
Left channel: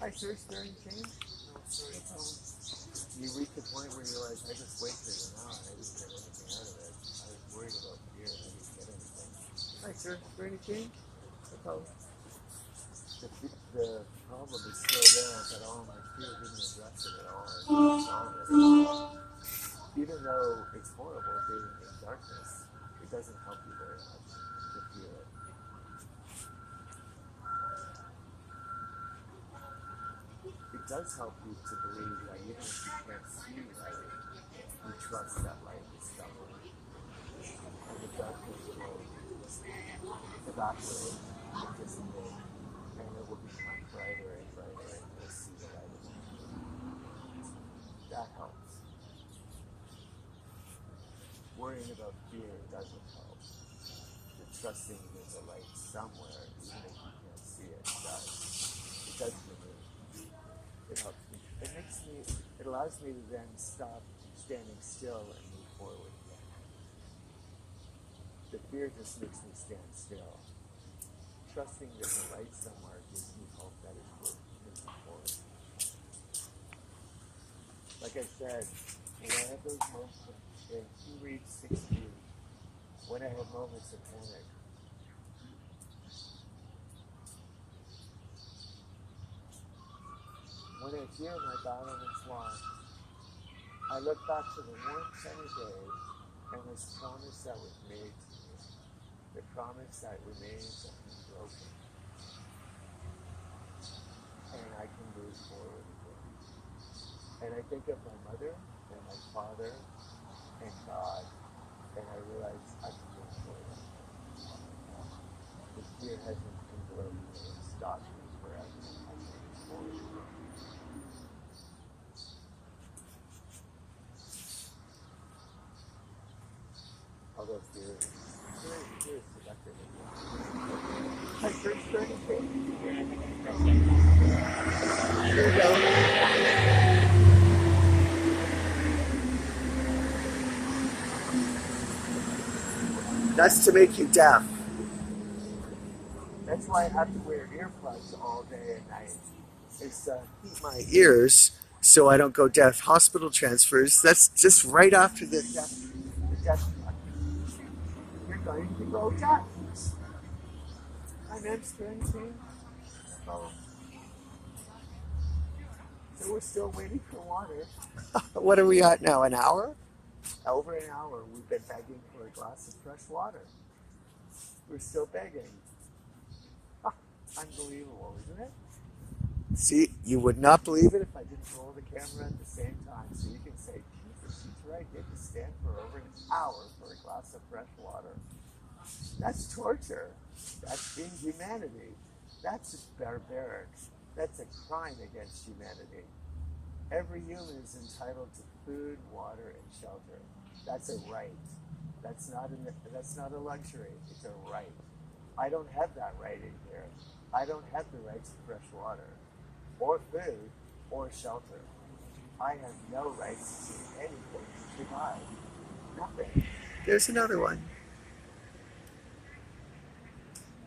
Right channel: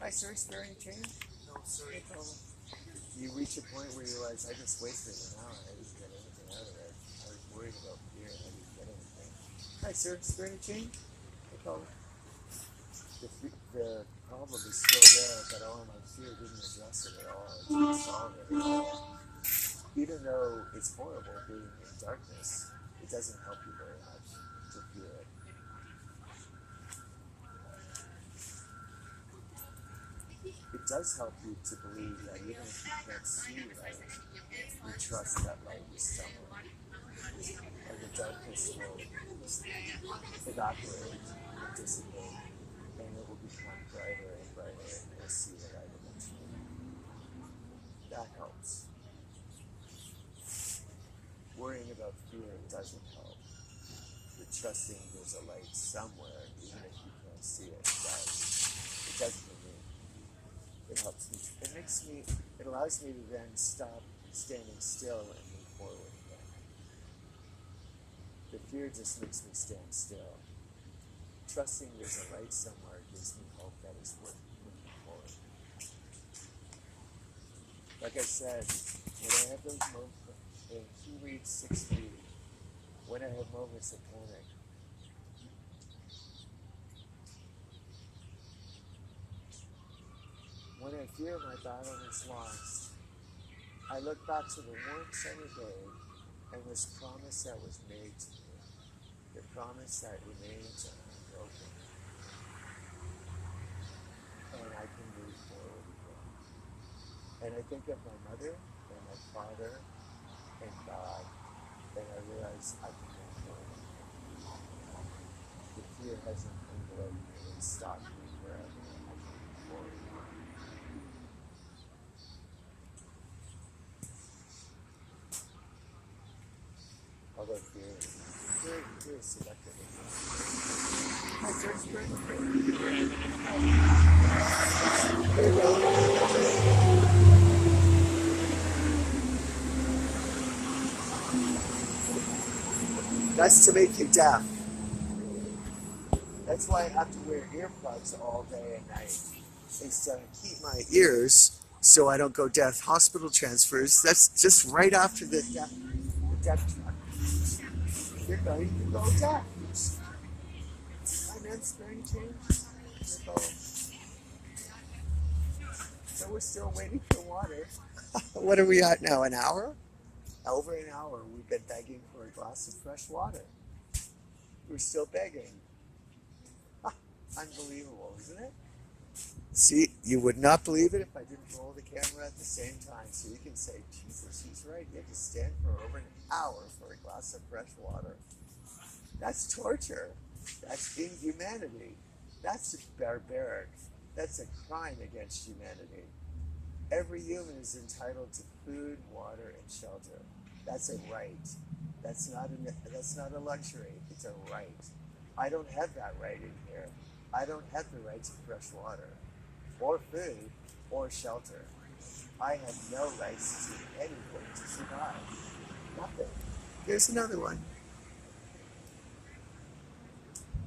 Hi, sir, spare any change? No, sorry. No problem. You reach a point where you realize, I just wasted an hour, I didn't get anything out of it. I was worried about fear and I didn't get anything. Hi, sir, spare any change? No problem. The problem is still there, but all my fear didn't address it at all. It didn't solve it at all. Even though it's horrible being in darkness, it doesn't help you very much to feel it. It does help you to believe that even if you can't see light, you trust that light is somewhere. And the darkness will evaporate and dissipate, and it will become brighter and brighter, and you'll see the light eventually. That helps. Worrying about fear doesn't help. But trusting there's a light somewhere, even if you can't see it, does. It does for me. It helps me. It allows me to then stop standing still and move forward again. The fear just makes me stand still. Trusting there's a light somewhere gives me hope that it's worth moving forward. Like I said, when I have those moments, and he reads 6 feet, when I have moments of panic, when I fear my battle is lost, I look back to the warm sunny day and this promise that was made to me, the promise that remains unbroken, and I can move forward again. And I think of my mother and my father and God, and I realize I can move forward. The fear hasn't enveloped me and stopped me forever. I can move forward. Although fear is selective. My first grade. There you go. That's to make you deaf. That's why I have to wear earplugs all day and night. It's to keep my ears so I don't go deaf. Hospital transfers, that's just right after the deaf truck. You're going to go deaf. I'm not sparing change. So we're still waiting for water. What are we at now, an hour? Over an hour we've been begging for a glass of fresh water. We're still begging. Unbelievable, isn't it? See, you would not believe it if I didn't roll the camera at the same time. So you can say, Jesus, she's right. You have to stand for over an hour for a glass of fresh water. That's torture. That's inhumanity. That's barbaric. That's a crime against humanity. Every human is entitled to food, water, and shelter. That's a right. That's not a luxury. It's a right. I don't have that right in here. I don't have the right to fresh water, or food, or shelter. I have no rights to anything to survive. Nothing. There's another one.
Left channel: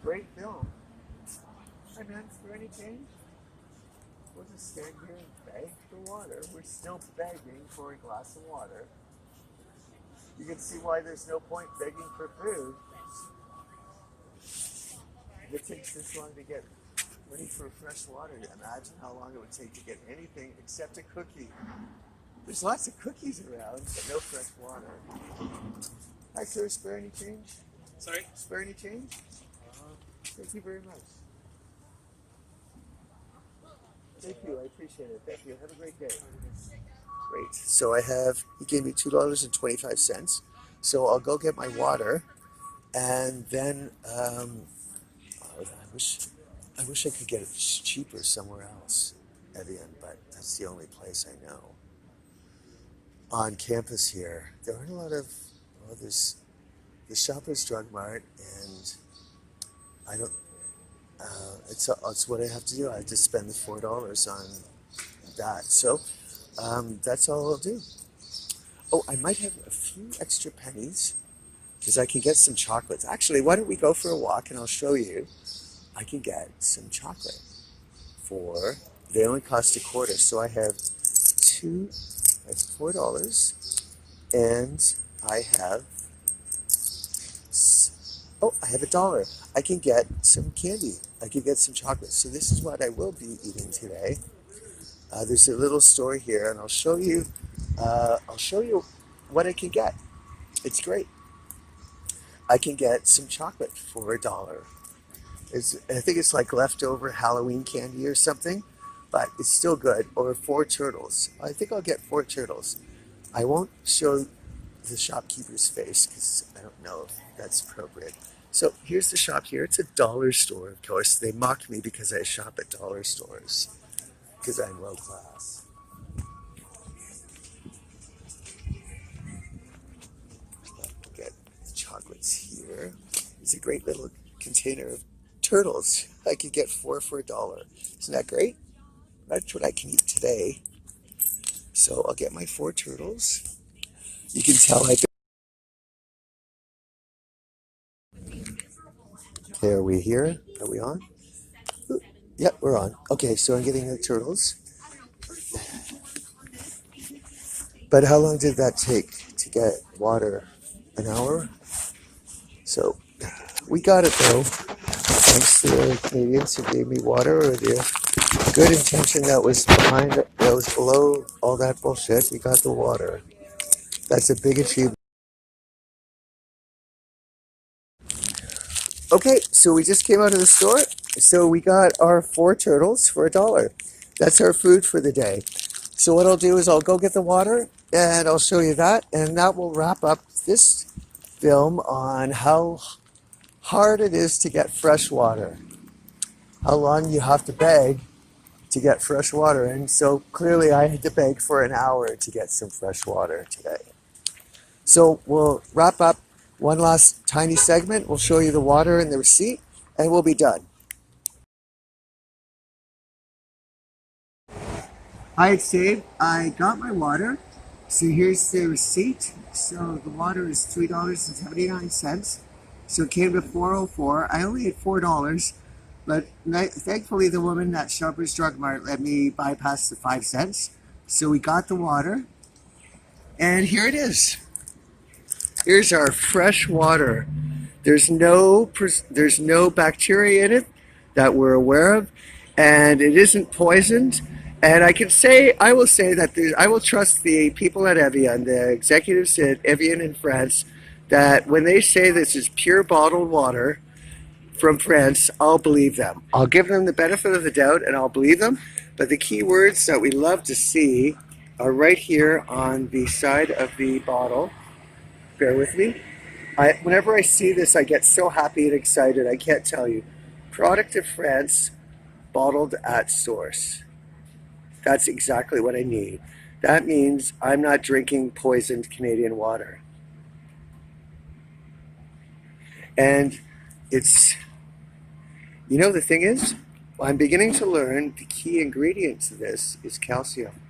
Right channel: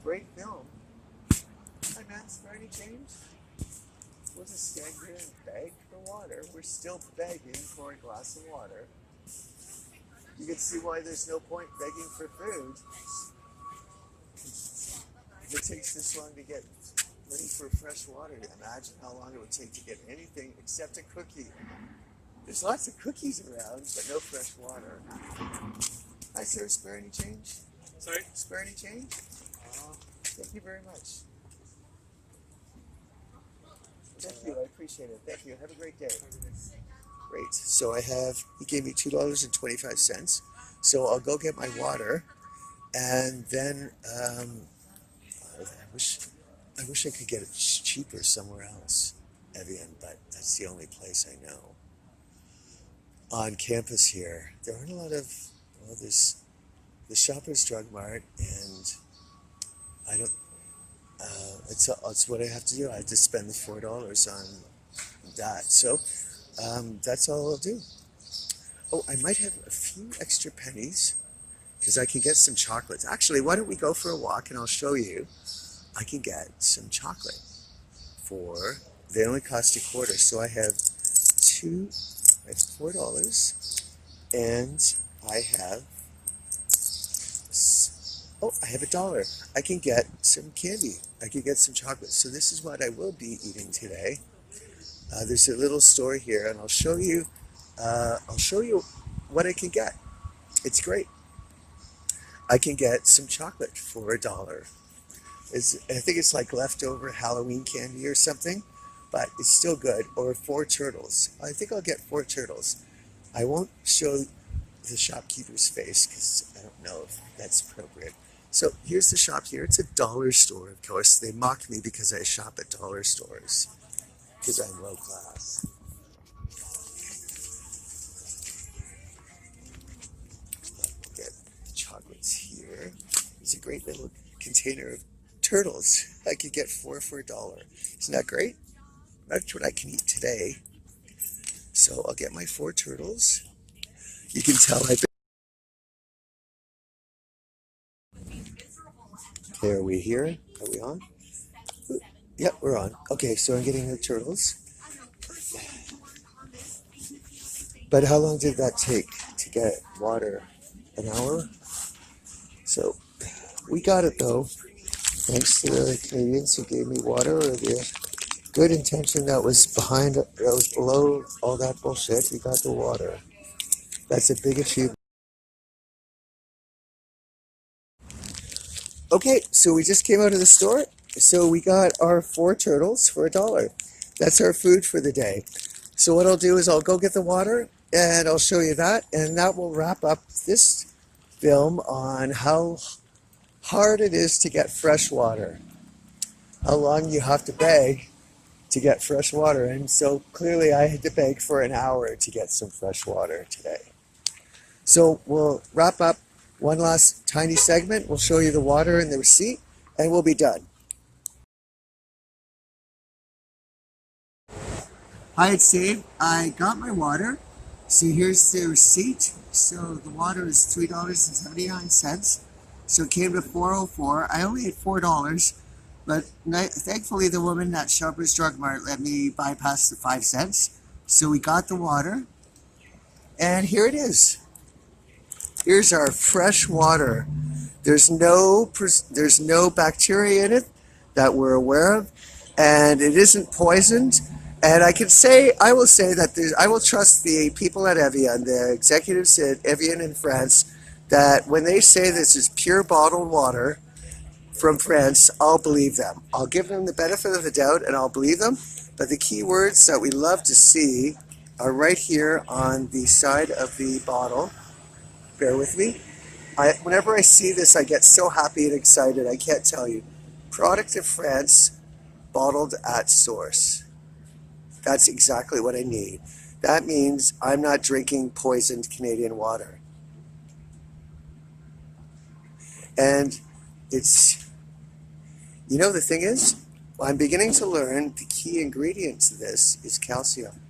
Great film. Hi, man, is there any change? We'll just stand here and beg for water. We're still begging for a glass of water. You can see why there's no point begging for food. If it takes this long to get ready for fresh water, imagine how long it would take to get anything except a cookie. There's lots of cookies around, but no fresh water. Hi, sir, spare any change? Sorry? Spare any change? Thank you very much. Thank you, I appreciate it. Thank you. Have a great day. Great. So he gave me $2.25. So I'll go get my water, and then I wish I could get it cheaper somewhere else, Evian, but that's the only place I know. On campus here, there aren't a lot of, there's the Shoppers Drug Mart, and It's what I have to do. I have to spend the $4 on that. So that's all I'll do. Oh, I might have a few extra pennies because I can get some chocolates. Actually, why don't we go for a walk and I'll show you. I can get some chocolate for, they only cost $0.25. So I have $4 and I have, oh, I have $1. I can get some candy. I can get some chocolate. So this is what I will be eating today. There's a little store here, and I'll show you what I can get. It's great. I can get some chocolate for $1. I think it's like leftover Halloween candy or something, but it's still good. Or 4 turtles. I think I'll get 4 turtles. I won't show the shopkeeper's face because I don't know if that's appropriate. So here's the shop here. It's a dollar store, of course. They mock me because I shop at dollar stores because I'm low class. We'll get chocolates here. It's a great little container of turtles. I could get 4 for $1. Isn't that great? That's what I can eat today. So I'll get my 4 turtles. You can tell I've been... Hey, are we here? Are we on? Ooh, yep, we're on. Okay, so I'm getting the turtles. But how long did that take to get water? An hour? So we got it though. Thanks to the Canadians who gave me water, or the good intention that was behind, that was below all that bullshit. We got the water. That's a big achievement. Okay, so we just came out of the store. So we got our 4 turtles for $1. That's our food for the day. So what I'll do is I'll go get the water and I'll show you that. And that will wrap up this film on how hard it is to get fresh water. How long you have to beg to get fresh water. And so clearly I had to beg for an hour to get some fresh water today. So we'll wrap up one last tiny segment. We'll show you the water and the receipt, and we'll be done. Hi, it's Dave. I got my water. So here's the receipt. So the water is $3.79. So it came to $4.04. I only had $4, but thankfully the woman at Shoppers Drug Mart let me bypass the 5 cents. So we got the water, and here it is. Here's our fresh water. There's no bacteria in it that we're aware of, and it isn't poisoned. And I will say that I will trust the people at Evian, the executives at Evian in France, that when they say this is pure bottled water from France, I'll believe them. I'll give them the benefit of the doubt and I'll believe them. But the key words that we love to see are right here on the side of the bottle. Bear with me. Whenever I see this, I get so happy and excited. I can't tell you. Product of France, bottled at source. That's exactly what I need. That means I'm not drinking poisoned Canadian water. And it's, the thing is, I'm beginning to learn the key ingredient to this is calcium.